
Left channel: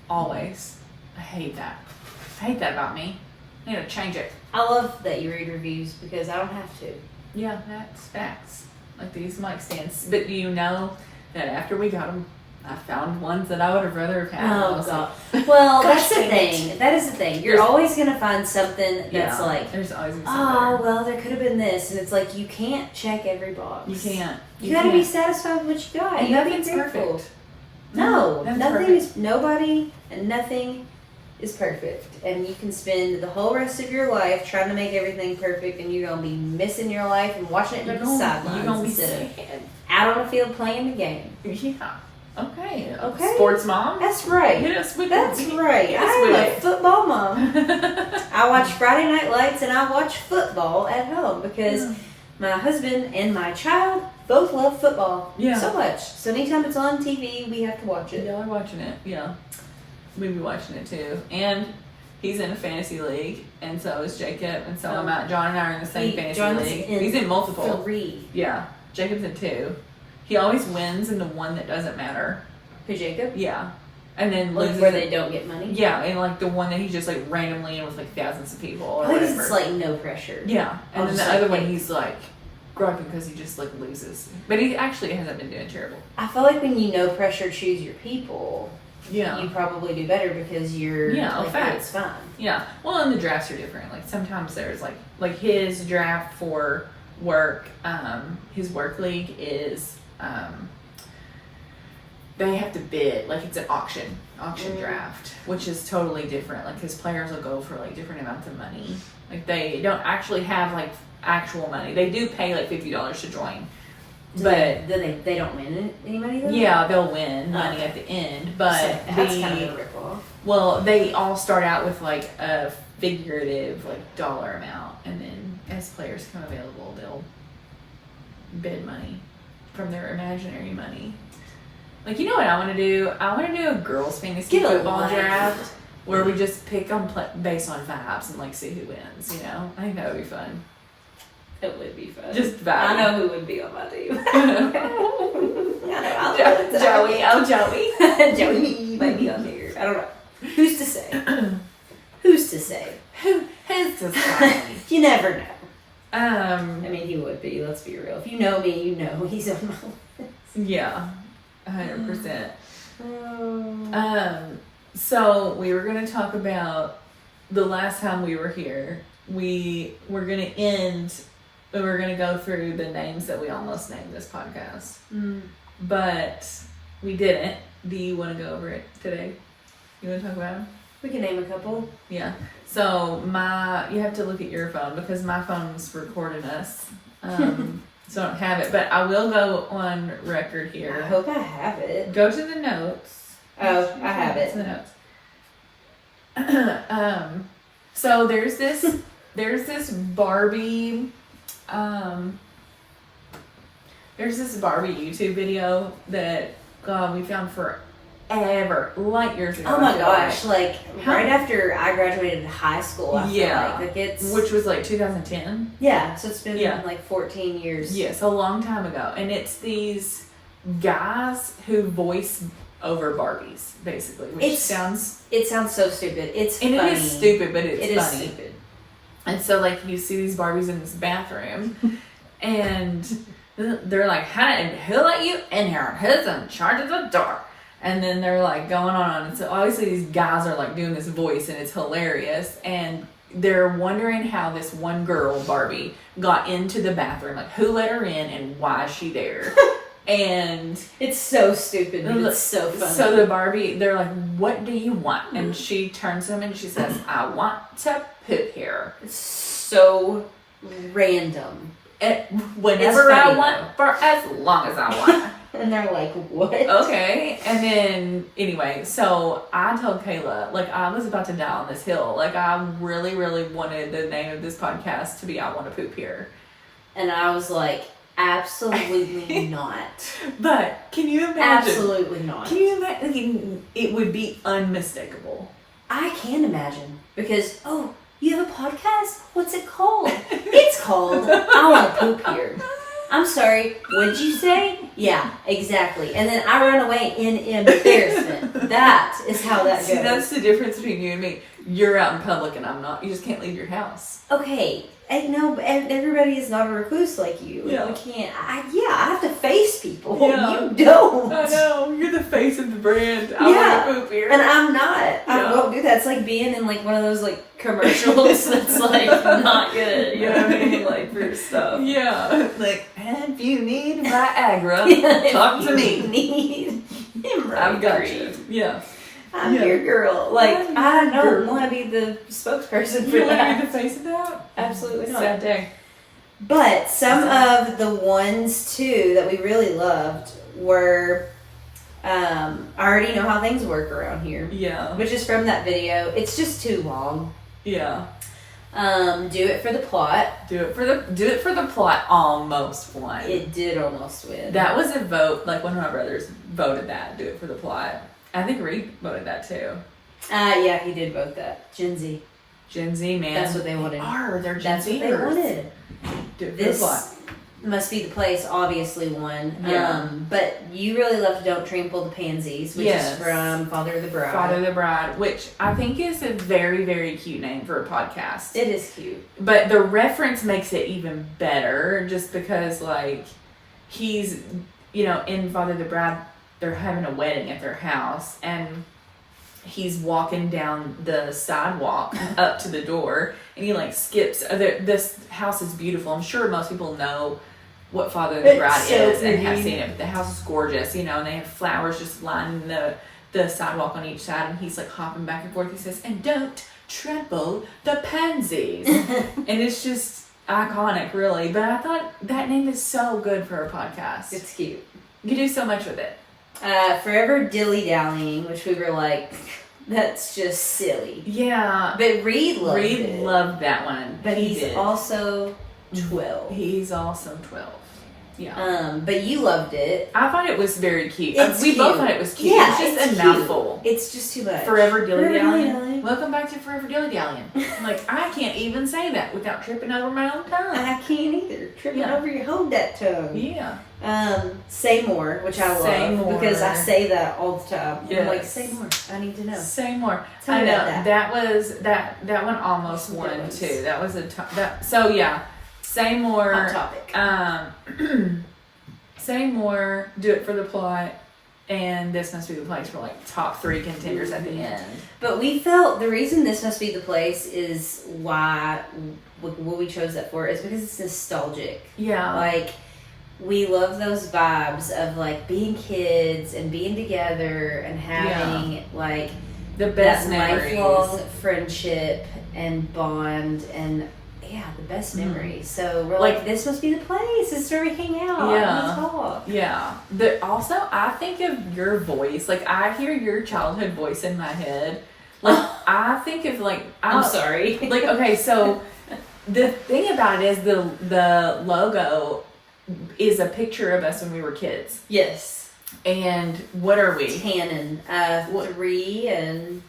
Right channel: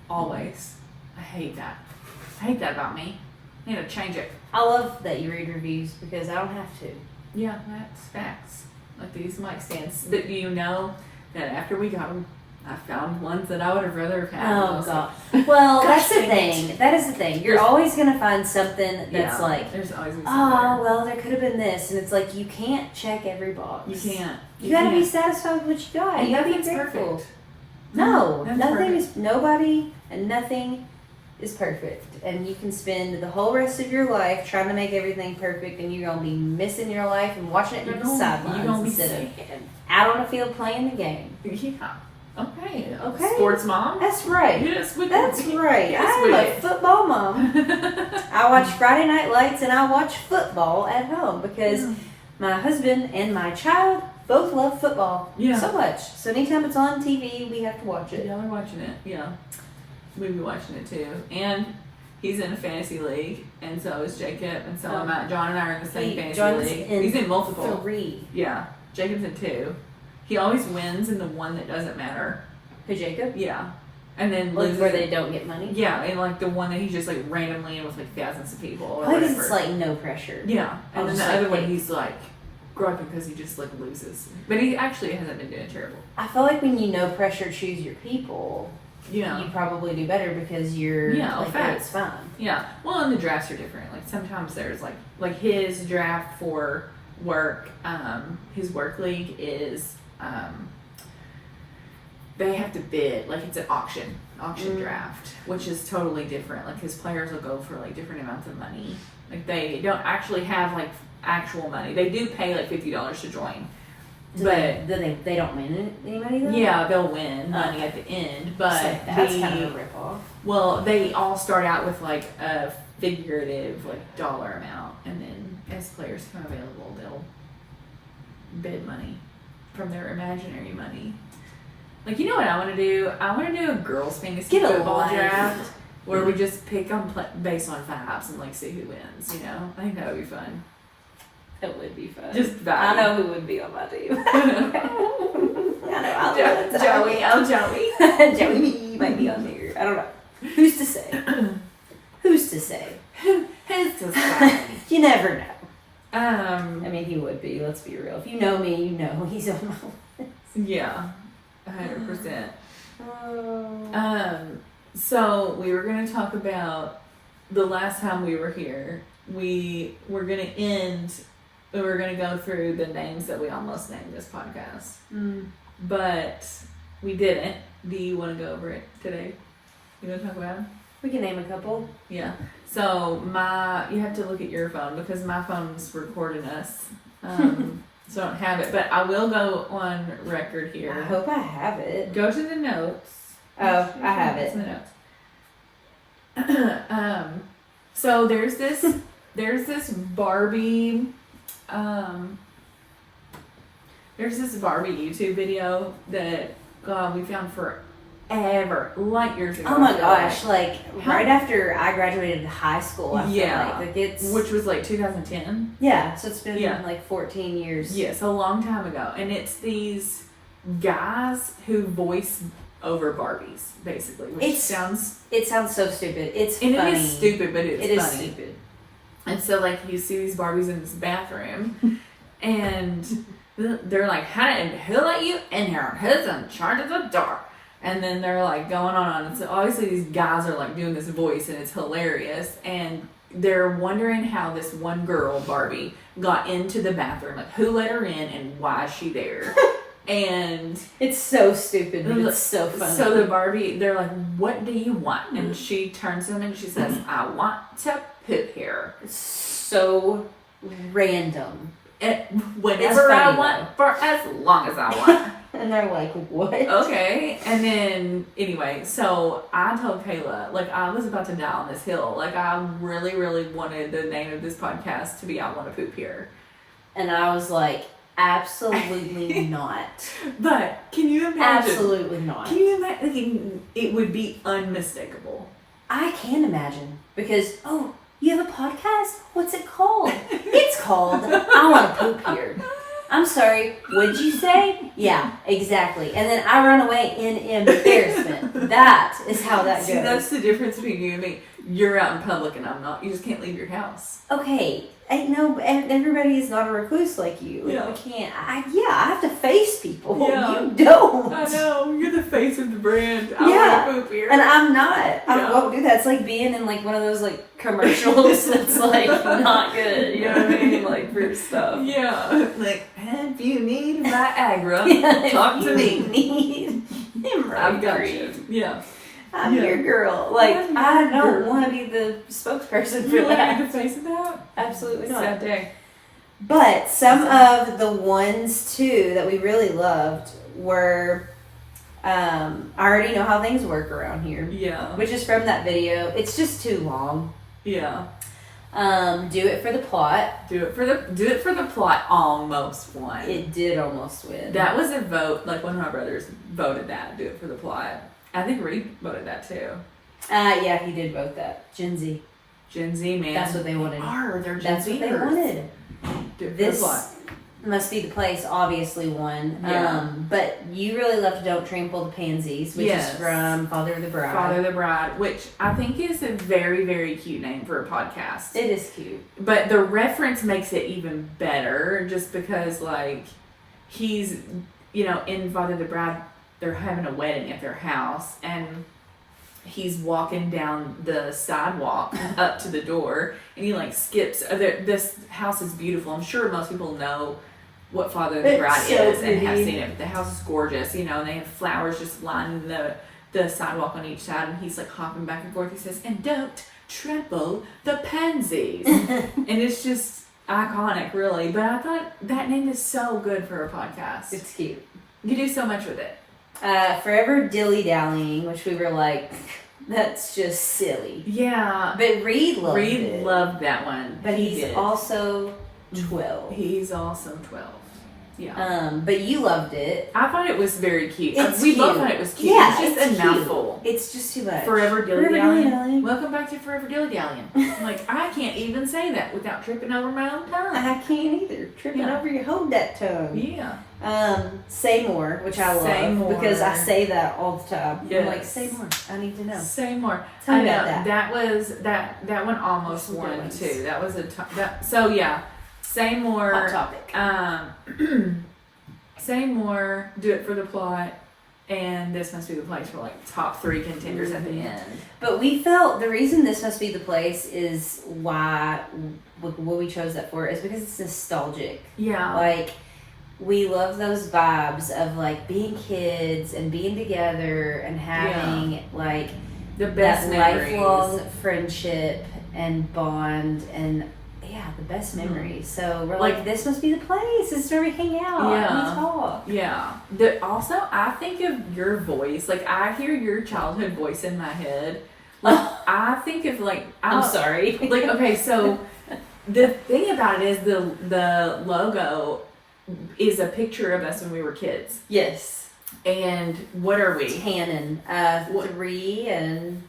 Always. I hate that. I hate that about me. I need to change it. I love that you read reviews because I don't have to. Yeah, that's facts. Like these mic stands, but you know that after we got them, I found ones that I would have rather have had. Oh God! Well, that's the dang thing. That is the thing. You're always gonna find something that's like, there's always something oh well, there could have been this, and it's like you can't check every box. You can't. You gotta be satisfied with what you got. And You gotta be nothing's grateful. perfect. No, Nothing's nothing perfect. is. Nobody and nothing is perfect, and you can spend the whole rest of your life trying to make everything perfect, and you're gonna be missing your life and watching it from the sidelines You're gonna be instead of sad. out on the field playing the game. Yeah. Okay. Okay. Sports mom. That's right. Yes, with That's it. right. Yes, I am with a it. football mom. I watch Friday Night Lights and I watch football at home because my husband and my child both love football so much. So anytime it's on TV, we have to watch it. Yeah, we're watching it. Yeah. We'll be watching it too. And he's in a fantasy league, and so is Jacob, and so am I. John and I are in the same fantasy John's league. in He's in multiple. 3. Yeah. Jacob's in 2. He always wins in the one that doesn't matter. Who, Jacob? Yeah. And then Like loses. where they don't get money? Yeah, and like the one that he's just like randomly in with like thousands of people or I think whatever. it's like no pressure. Yeah, and then just the like, other one hey. he's like griping because he just like loses, but he actually hasn't been doing terrible. I feel like when you no pressure choose your people, Yeah, you probably do better because you're like, facts. it's fine. Yeah. Well, and the drafts are different. Like sometimes there's like his draft for work. His work league is they have to bid, like it's an auction draft, which is totally different. Like his players will go for like different amounts of money. Like they don't actually have like actual money. They do pay like $50 to join. But they don't win any money though? yeah, they'll win money at the end. But So that's kind of a ripoff. well, they all start out with like a figurative like dollar amount, and then as players come available, they'll bid money from their imaginary money. Like, you know what I want to do? I want to do a girls' fantasy Get a football life. draft where we just pick on based on vibes and like see who wins. You know, I think that would be fun. It would be fun. Just vibes. I know who would be on my team. I know. I'll Joey, I'm Joey. Joey me might be on there. I don't know. Who's to say? Who's to say? Who's to say? You never know. I mean, he would be. Let's be real. If you know me, you know he's on my list. Yeah, 100%. Oh. So we were going to talk about the last time we were here. We were going to go through the names that we almost named this podcast. But we didn't. Do you want to go over it today? You want to talk about it? We can name a couple. Yeah. So you have to look at your phone because my phone's recording us. So I don't have it, but I will go on record here. I hope I have it. Go to the notes. Oh, I have it. To the notes. So there's this Barbie YouTube video that we found forever, light years ago. Oh my gosh! Like right after I graduated high school. I feel like it's which was like 2010. Yeah, so it's been Yeah. like 14 years. Yes, a long time ago, and it's these guys who voice over Barbies, basically. Which It sounds so stupid. It's and funny. it is stupid, but it's It is funny. stupid. And so, like, you see these Barbies in this bathroom, and they're like, who let you in here? Who's in charge of the door? And then they're, like, going on. And so, obviously, these guys are, like, doing this voice, and it's hilarious. And they're wondering how this one girl, Barbie, got into the bathroom. Like, who let her in, and why is she there? And it's so stupid, but it's so funny. So the Barbie, they're like, what do you want? And she turns to them and she says, I want to poop here. It's so random. And whenever I want, for as long as I want. And they're like, what? Okay. And then, anyway, so I told Kayla, like, I was about to die on this hill. Like, I really, really wanted the name of this podcast to be I Want to Poop Here. And I was like, absolutely not. But can you imagine? Absolutely not. Can you imagine? It would be unmistakable. I can imagine. Because, oh, you have a podcast? What's it called? It's called I Want to Poop Here. I'm sorry, what'd you say? Yeah, exactly. And then I run away in embarrassment. That is how that goes. See, that's the difference between you and me. You're out in public and I'm not. You just can't leave your house. Okay. I know, but everybody is not a recluse like you. Yeah. I can't. I have to face people. Yeah. You don't. I know. You're the face of the brand. I Yeah. want to poop here. And I'm not. Yeah. I won't do that. It's like being in like one of those like commercials that's like not good. You know what I mean? Like for stuff. Yeah. Like, and if you need Viagra, talk to me. Need I've got you. Yeah. I'm your girl. Like, I don't want to be the spokesperson for You want to that. be the face of that? Absolutely not. Sad day. But some of the ones, too, that we really loved were, I already know how things work around here. Yeah. Which is from that video. It's just too long. Yeah. Do it for the plot. Do it for the plot. Almost won. It did almost win. That was a vote. Like one of my brothers voted that. Do it for the plot. I think Reed voted that too. Yeah, he did vote that. Gen Z. Gen Z, man. That's what they wanted. They're Gen That's what they Zers. wanted. Do it for the plot. This Must Be the Place obviously won. Yeah. But you really loved Don't Trample the Pansies, which Yes. is from Father of the Bride. Father of the Bride, which I think is a very, very cute name for a podcast. It is cute. But the reference makes it even better just because, like, he's, in Father of the Bride, they're having a wedding at their house, and he's walking down the sidewalk up to the door, and he, like, skips. This house is beautiful. I'm sure most people know what Father of the Bride It's so is and have pretty. seen it, but the house is gorgeous, and they have flowers just lining the sidewalk on each side, and he's, like, hopping back and forth. He says, and don't trample the pansies. And it's just iconic, really. But I thought that name is so good for a podcast. It's cute. You do so much with it. Forever Dilly Dallying, which we were like, that's just silly. Yeah. But Reed loved it. Loved that one. But He he's did. also 12. He's also 12. Yeah. But you loved it. I thought it was very cute. It's we both cute. thought it was cute. Yeah, it's just a cute. mouthful. It's just too much. Forever Dilly Forever Dallying. dilly-dallying. Welcome back to Forever Dilly Dallying. Like, I can't even say that without tripping over my own tongue. I can't either. Tripping over your hold that tongue. Yeah. Say more, which I love. Say more. Because I say that all the time. Yes. I'm like, say more. I need to know. Say more. Tell me I know, about that. That one almost Some won good ones. too. That was so yeah. Say more. Hot topic. Say more. Do it for the plot. And This Must Be the Place were like top 3 contenders at the end. But we felt the reason This Must Be the Place is why what we chose that for is because it's nostalgic. Yeah. Like, we love those vibes of like being kids and being together and having like the best that memories. lifelong friendship and bond and the best memories. So we're like, this must be the place. This is where we hang out. Yeah. And we talk. Yeah. Also, I think of your voice. Like, I hear your childhood voice in my head. Like, I think of like I'm sorry. Like, okay, so the thing about it is the logo is a picture of us when we were kids. Yes. And what are we? Tannin. 3 and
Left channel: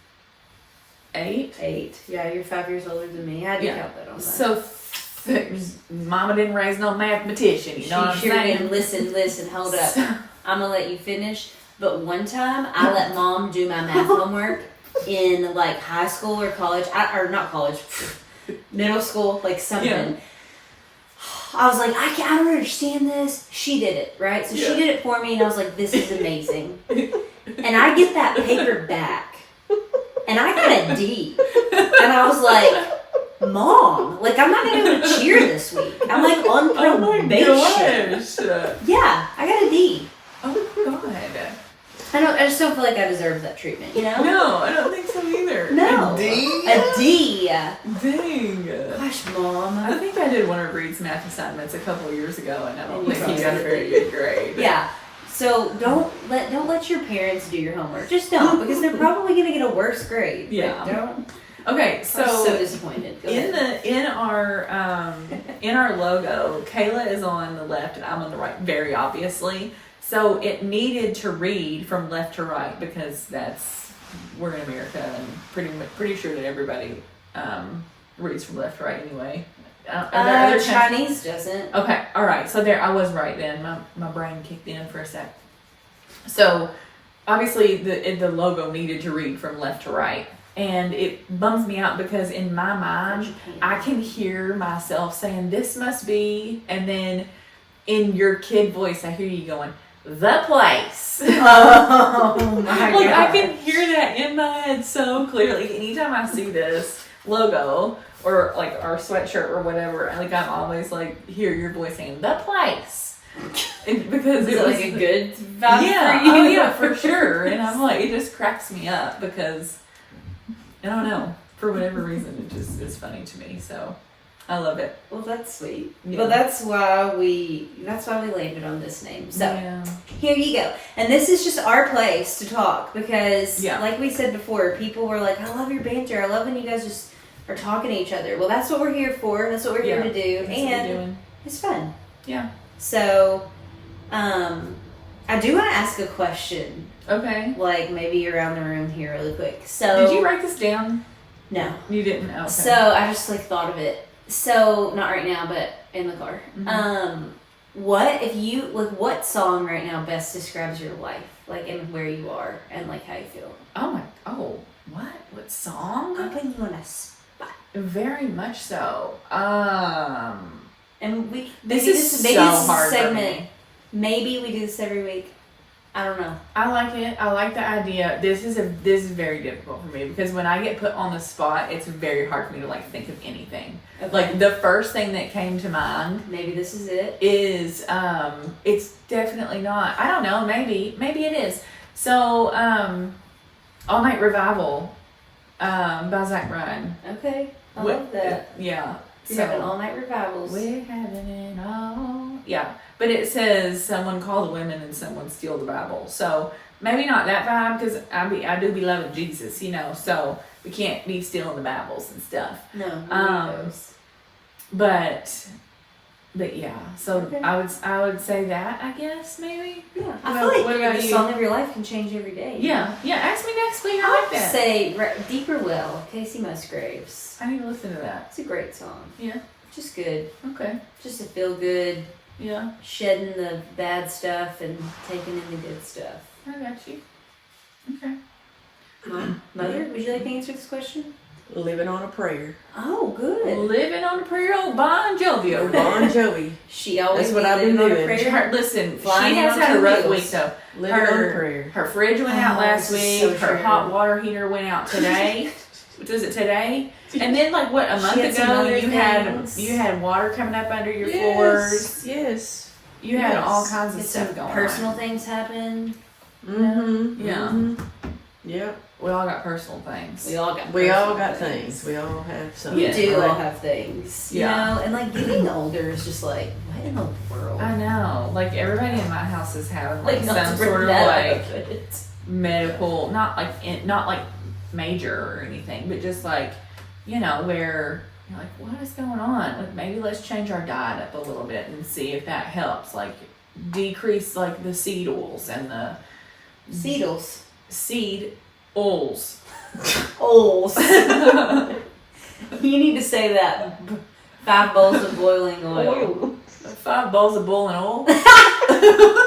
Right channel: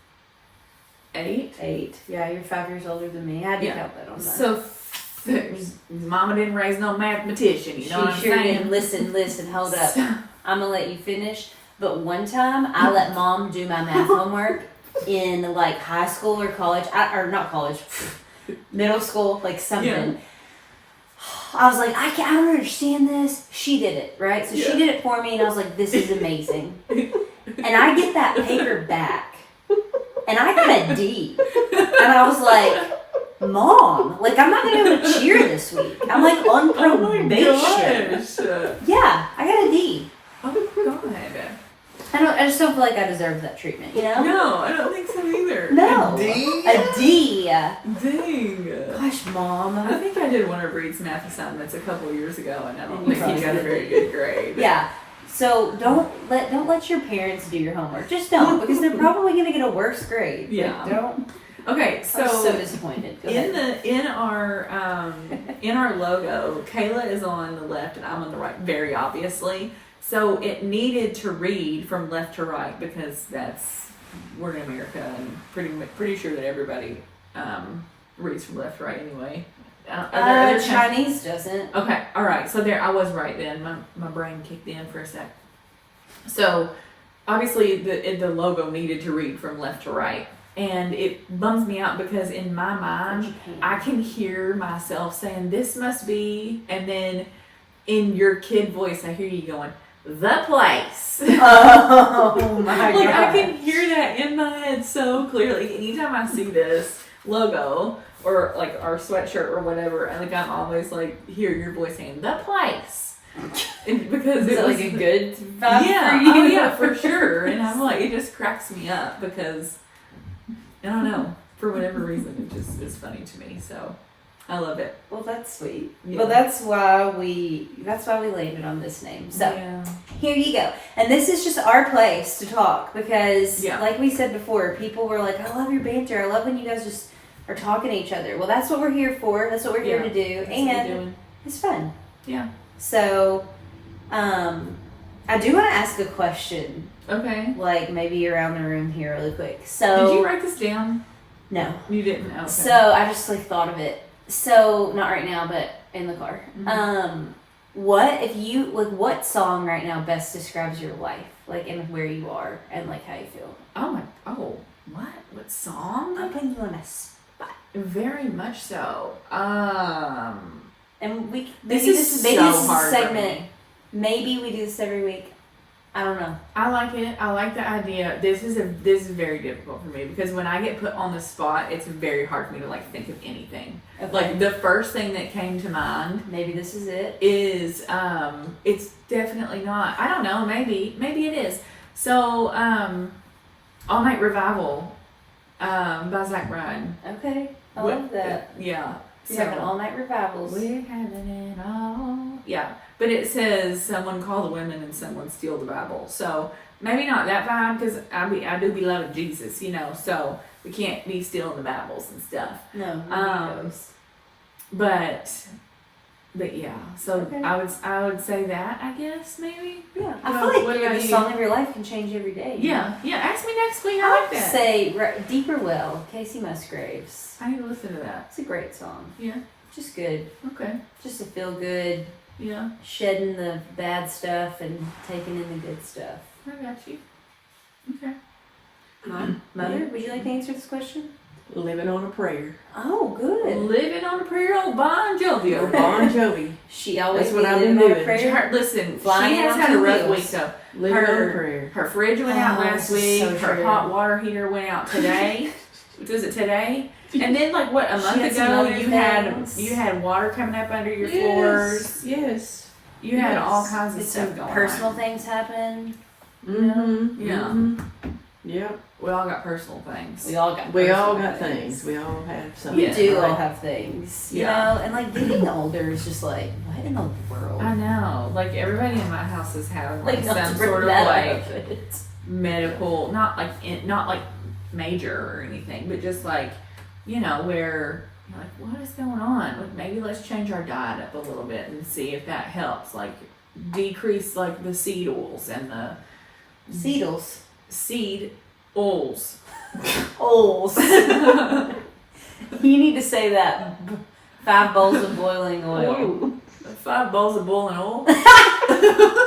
8. Yeah, you're 5 years older than me. I had to count that on that. So, Mama didn't raise no mathematician. You know what I'm She sure saying? didn't. Listen, hold up. I'm going to let you finish. But one time, I let Mom do my math homework in like high school or college. Not college. middle school, like something. Yeah. I was like, I don't understand this. She did it, right? So she Yeah. did it for me, and I was like, this is amazing. And I get that paper back, and I got a D. And I was like, Mom, like, I'm not going to be able to cheer this week. I'm like on probation. Oh Yeah, I got a D. my god. I just don't feel like I deserve that treatment, you know? No, I don't think so either. No. A D? A D. Dang. Gosh, Mom. I think I did one of Reed's math assignments a couple of years ago, and I don't And you think he probably got a did. very good grade. Yeah. So don't let your parents do your homework. Just don't, because they're probably gonna get a worse grade. Yeah. Like, don't. Okay, I'm so so disappointed. Go ahead. in our logo, Kayla is on the left and I'm on the right, very obviously. So it needed to read from left to right because we're in America and pretty sure that everybody reads from left to right anyway. Are there other Chinese doesn't. Okay, all right. So there, I was right then. My brain kicked in for a sec. So obviously the logo needed to read from left to right, and it bums me out because in my mind I can hear myself saying this must be, and then in your kid voice I hear you going the place. Oh my Like god! I can hear that in my head so clearly. Anytime I see this logo or like our sweatshirt or whatever, like I'm always like hear your voice saying the place, and because Is it was like a good vibe yeah, for you? oh yeah, for sure. And I'm like, it just cracks me up because I don't know, for whatever reason, it's funny to me. So I love it. Well, that's sweet. Yeah. Well, that's why we landed on this name. So Yeah. here you go. And this is just our place to talk because, Yeah. like we said before, people were like, "I love your banter. I love when you guys just are talking to each other." Well, that's what we're here for. That's what we're here Yeah. to do, That's what we're and doing. it's fun. Yeah. So, I do want to ask a question, Okay. like maybe around the room here, really quick. So, Did you write this down? no. You didn't. Okay. So I just like thought of it. So not right now, but in the car. Mhm. What song right now best describes your life, like and where you are and like how you feel? What song? I'm putting you on a spot, Very much so. and we This maybe is maybe so this is a hard for segment. me. Maybe we do this every week. I don't know. I like it. I like the idea. This is very difficult for me because when I get put on the spot, it's very hard for me to like think of anything. Okay. Like the first thing that came to mind Maybe this is it. is it's definitely not. I don't know. Maybe it is. So All Night Revival by Zach Bryan. Okay, I What- love that. Yeah. We're having all night revivals. We're having it all. Yeah. But it says someone call the women and someone steal the Bible. So maybe not that vibe because I do be loving Jesus, you know. So we can't be stealing the Bibles and stuff. No, Um, But yeah. So Okay. I would say that, I guess, maybe. yeah. I What feel like about the you? song of your life can change every day. you know? Yeah. Yeah. Ask me next week. I I like would that. say Deeper Well, Casey Musgraves. I need to listen to that. It's a great song. Yeah. Just good. Okay. Just to feel good, Yeah. shedding the bad stuff and taking in the good stuff. I got you. Okay. Mother, would you like to answer this question? Living on a prayer. Oh, good. Living on a prayer, old Bon Jovi Or over there. Bon Jovi. She always That's be what I've living been on a doing. prayer. Listen, Flying she has on had a two rough wheels. week though. Living on a Her prayer. her fridge went out Oh, last this is week. so Her true. hot water heater went out today. Was it today? And then like what a month had some ago other you things. had water coming up under your floors. Yes. You had Yes. all kinds of Did stuff some going personal on. things happen? Mm-hmm. Yeah. Mm-hmm. Yep. We all got personal things. We all got We all personal got things. We all have something. We Yeah. do all have things, you Yeah. know, and like getting older is just like, what in the world? I know. Like everybody in my house is having like not some to bring sort of that like up, but it's- medical, not like major or anything, but just like, you know, where you're like, what is going on? Like maybe let's change our diet up a little bit and see if that helps. Like decrease like the seed oils and the Seedles. seed oils. Oils. You need to say that 5 bowls of boiling oil. 5 bowls of boiling oil.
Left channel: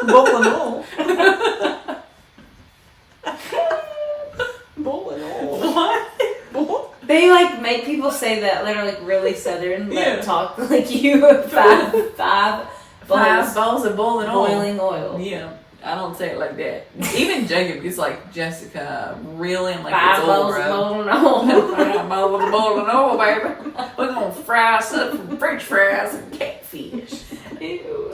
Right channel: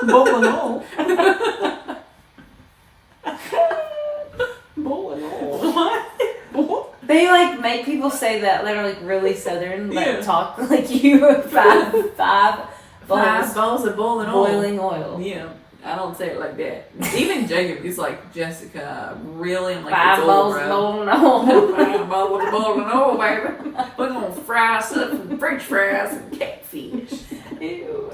Bowling oil. Bowling oil. What? They like make people say that they're like really southern, but Yeah. talk like you five bowls of boiling oil. Yeah, I don't say it like that. Even Jacob is like, Jessica, really? I'm like, 5 it's bowls over. of boiling oil. 5 bowls of boiling oil, baby. We're gonna fry us up some French fries and catfish. Ew.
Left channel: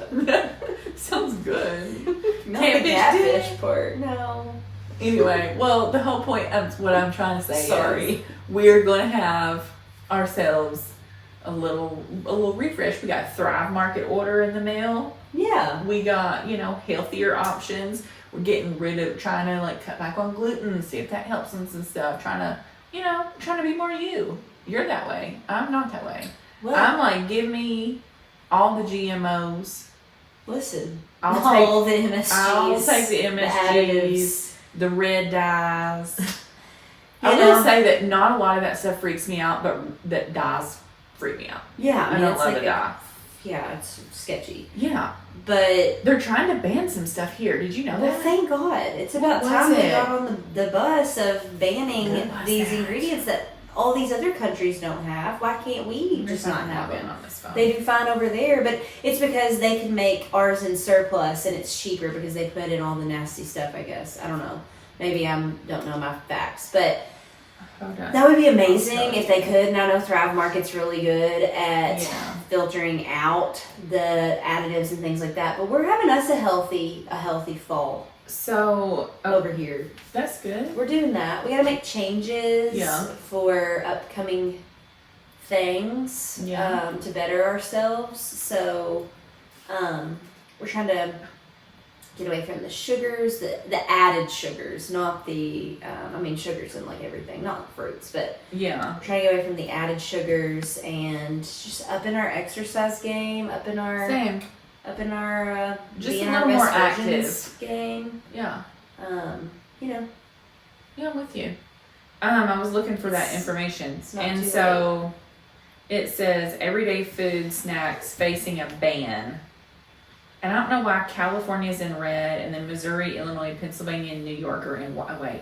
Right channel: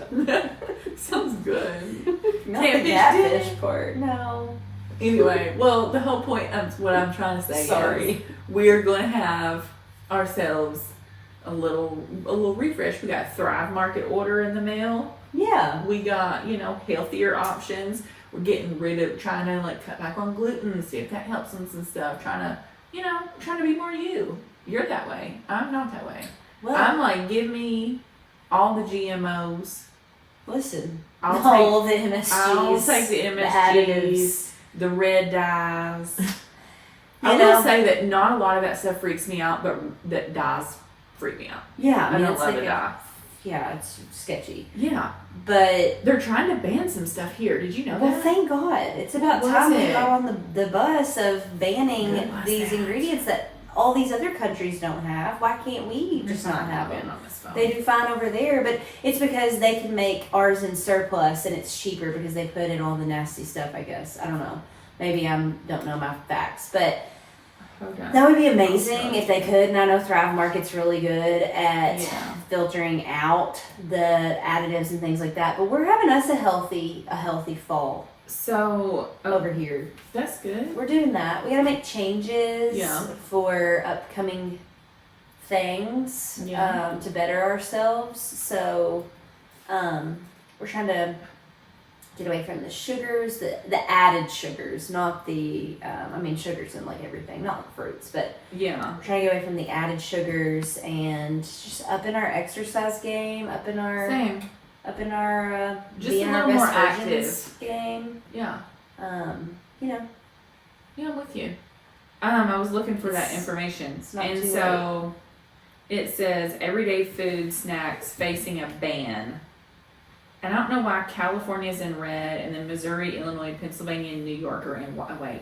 Sounds good. Not Catfish the catfish part. No. Anyway, well, the whole point of what I'm trying to say Sorry. is we're going to have ourselves a little refresh. We got Thrive Market order in the mail. Yeah. We got, healthier options. We're getting rid of trying to like cut back on gluten, see if that helps us and stuff. Trying to be more you. You're that way. I'm not that way. Well, I'm like, give me all the GMOs. listen. I'll All the MSGs. I'll take the the MSGs. additives. The red dyes. I You will know? say that not a lot of that stuff freaks me out, but that dyes freak me out. Yeah, I don't it's love like a dye. yeah, it's sketchy. Yeah, But they're trying to ban some stuff here. Did you know well, that? thank God. It's about What time was we it? got on the bus of banning What was these that? ingredients that all these other countries don't have. Why can't we just not have them? on this phone. They do fine over there, but it's because they can make ours in surplus and it's cheaper because they put in all the nasty stuff, I guess. I don't know. Maybe I don't know my facts, but Okay. that would be amazing if they could. And I know Thrive Market's really good at Yeah. filtering out the additives and things like that. But we're having us a healthy fall So over here. that's good. We're doing that. We got to make changes Yeah. for upcoming things Yeah. to better ourselves. So we're trying to get away from the sugars, the added sugars, not the, sugars in like everything, not fruits, but Yeah. we're trying to get away from the added sugars and just up in our exercise game, up in our Same. Just being a our little best more versions game. Yeah. Yeah, I'm with you. I was looking for that information, it's not and too so it says everyday food snacks facing a ban. And I don't know why California's in red, and then Missouri, Illinois, Pennsylvania, and New York are in white. Wait,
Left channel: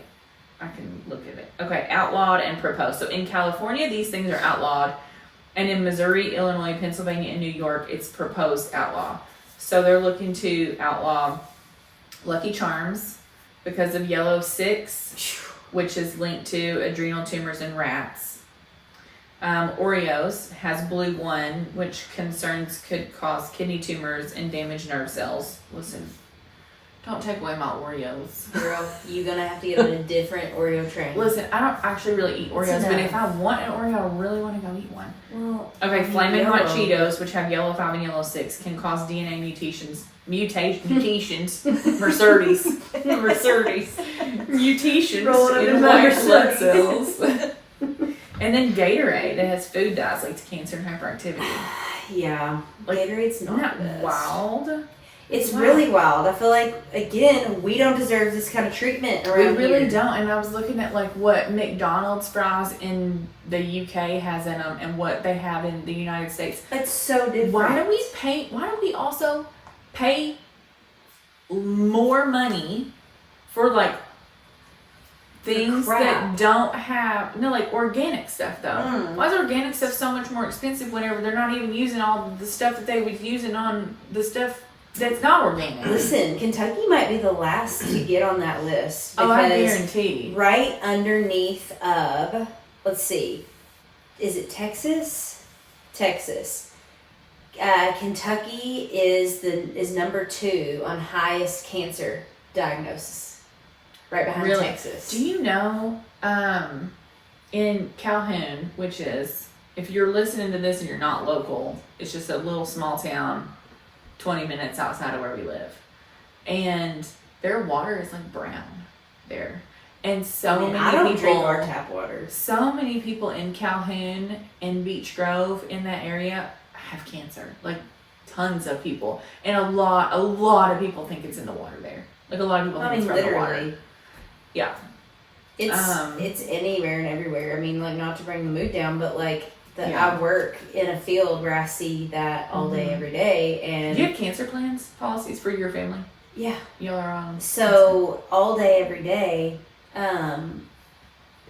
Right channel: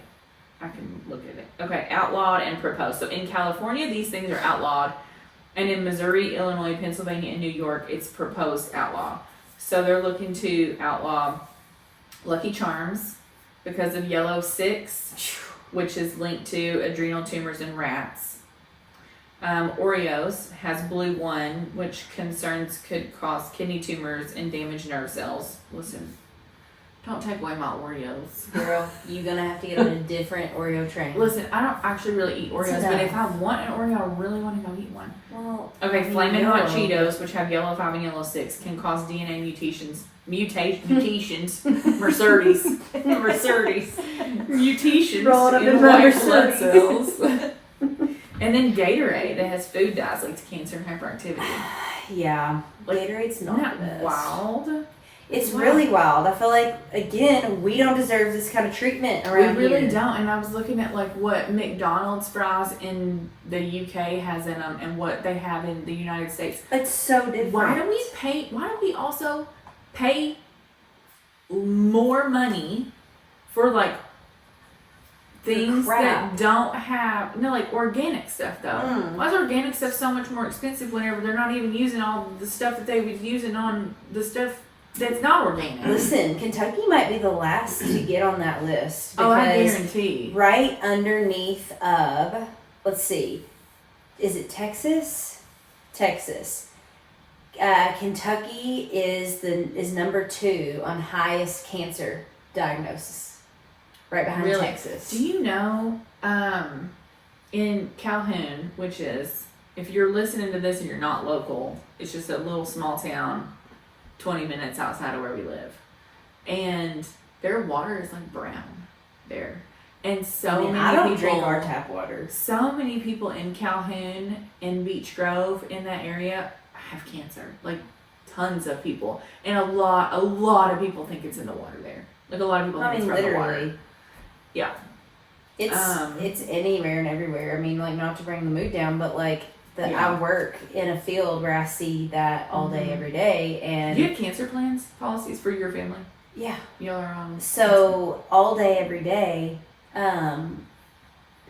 I can look at it. Okay, outlawed and proposed. So in California, these things are outlawed, and in Missouri, Illinois, Pennsylvania, and New York, it's proposed outlaw. So they're looking to outlaw Lucky Charms because of yellow 6, which is linked to adrenal tumors in rats. Oreos has blue 1, which concerns could cause kidney tumors and damage nerve cells. Listen, don't take away my Oreos. girl, you're gonna have to get on a different Oreo train. Listen, I don't actually really eat Oreos, but if I want an Oreo, I really want to go eat one. Well, Okay, I mean, Flamin' Hot yellow. Cheetos, which have yellow 5 and yellow 6, can cause DNA mutations. Mercedes. Mercedes. Mutations Rolling up in in my white blood Mercedes. cells. And then Gatorade that has food dyes linked to cancer and hyperactivity. Yeah, Like, Gatorade's Isn't not that the best. wild? It's Wow. really wild. I feel like again we don't deserve this kind of treatment We around really here. don't. And I was looking at like what McDonald's fries in the UK has in them and what they have in the United States. It's so different. Why do we also pay more money for like things crap. that don't have like organic stuff though? Mm. Why is organic stuff so much more expensive whenever they're not even using all the stuff that they was using on the stuff that's not organic? Listen, Kentucky might be the last to get on that list Oh, I because guarantee. right underneath of, let's see, is it Texas? Texas. Kentucky is number 2 on highest cancer diagnosis, right behind Really? Texas. Do you know, in Calhoun, which is, if you're listening to this and you're not local, it's just a little small town, 20 minutes outside of where we live. And their water is like brown there. And so many I don't people drink our tap water. So many people in Calhoun and Beach Grove in that area have cancer. Like tons of people. And a lot of people think it's in the water there. Like a lot of people think it's from the water. Literally. Yeah. It's anywhere and everywhere. I mean, like, not to bring the mood down, but like Yeah. I work in a field where I see that all day, Mhm. every day, and Do you have cancer plans, policies for your family? yeah. Y'all are on. So all day, every day,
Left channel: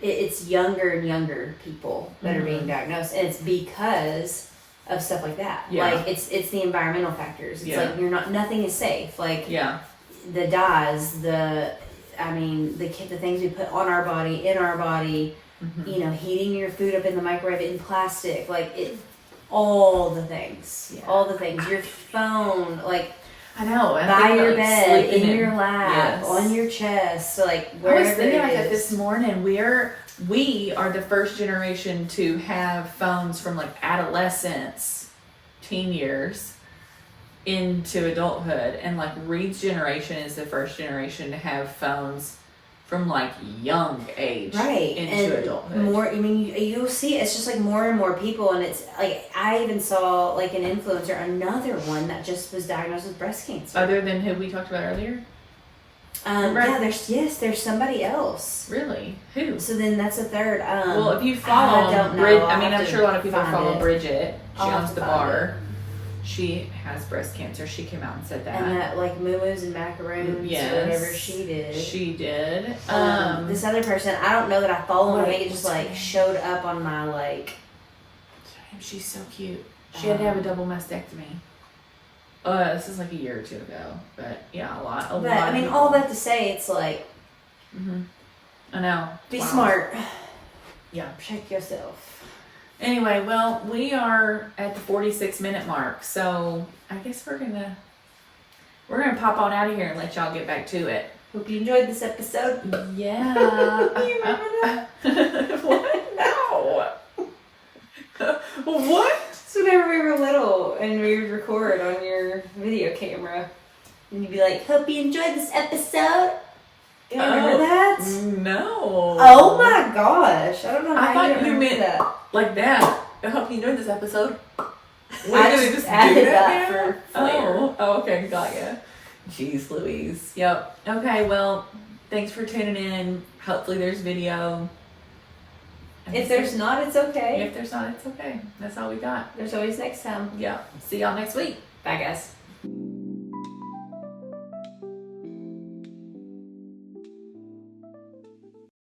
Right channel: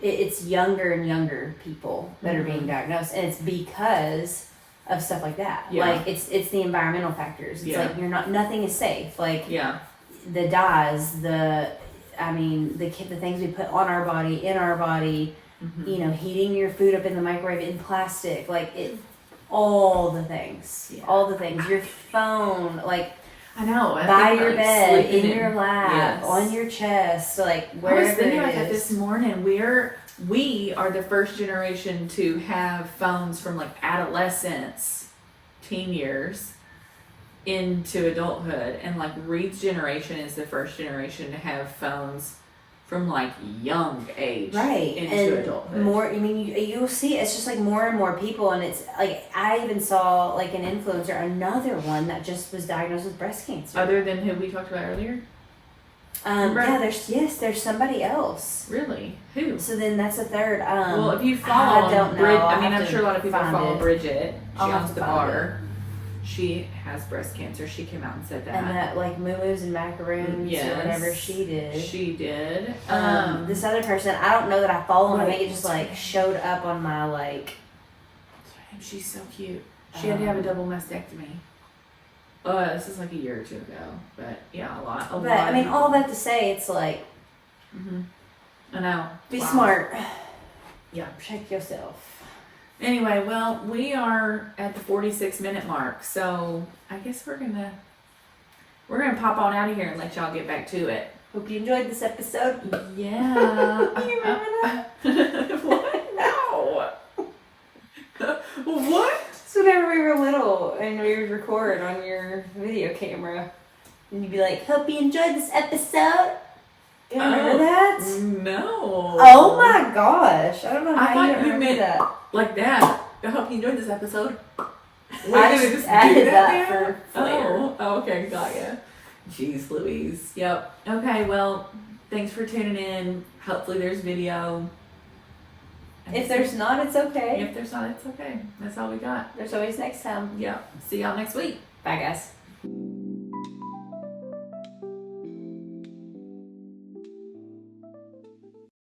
it's younger and younger people that are being Mhm. diagnosed, and it's because of stuff like that. Yeah. Like it's the environmental factors. It's Yeah. like nothing is safe. Like Yeah. the dyes, the things we put on our body, in our body, Mhm. Heating your food up in the microwave in plastic, like it, all the things, Yeah. all the things. Your phone, like I know. by your bed, in your Yes. lap, on your chest, like I was wherever thinking it about that is. this morning. We are the first generation to have phones from like adolescence, teen years, into adulthood, and like Reed's generation is the first generation to have phones from like young age Right, into and adulthood. more. I mean, you'll see. It's just like more and more people, and it's like I even saw like an influencer, another one that just was diagnosed with breast cancer. Other than who we talked about earlier. Remember? Yeah, there's somebody else. Really? Who? So then that's a third. Well, if you follow, I don't know. I mean, I'll I'm have sure a lot of to people find follow it. Bridget. She I'll have owns to the find bar. She has breast cancer. She came out and said that. And that like moo-moos and macaroons Yes. or whatever she did. She did. This other person, I don't know that I follow him. I think it just wait. like showed up on my like. Damn, she's so cute. She had to have a double mastectomy. This is like a year or two ago, but yeah, a lot. But I mean, all that to say, it's like I know. be Wow. smart. Yeah. Protect yourself. Anyway, well, we are at the 46-minute mark, so I guess we're gonna pop on out of here and let y'all get back to it. Hope you enjoyed this episode. Yeah. You remember that? What? No. What? It's whenever we were little and we would record on your video camera, and you'd be like, "Hope you enjoyed this episode." You remember that? No. Oh my gosh! I don't know I how thought you you remember meant that. Like that. I hope you enjoyed this episode. I just added that for flair. Oh, okay, got ya. Jeez Louise. Yep. Okay, well, thanks for tuning in. Hopefully there's video. If there's not, it's okay. If there's not, it's okay. That's all we got. There's always next time. Yeah. See y'all next week. Bye, guys.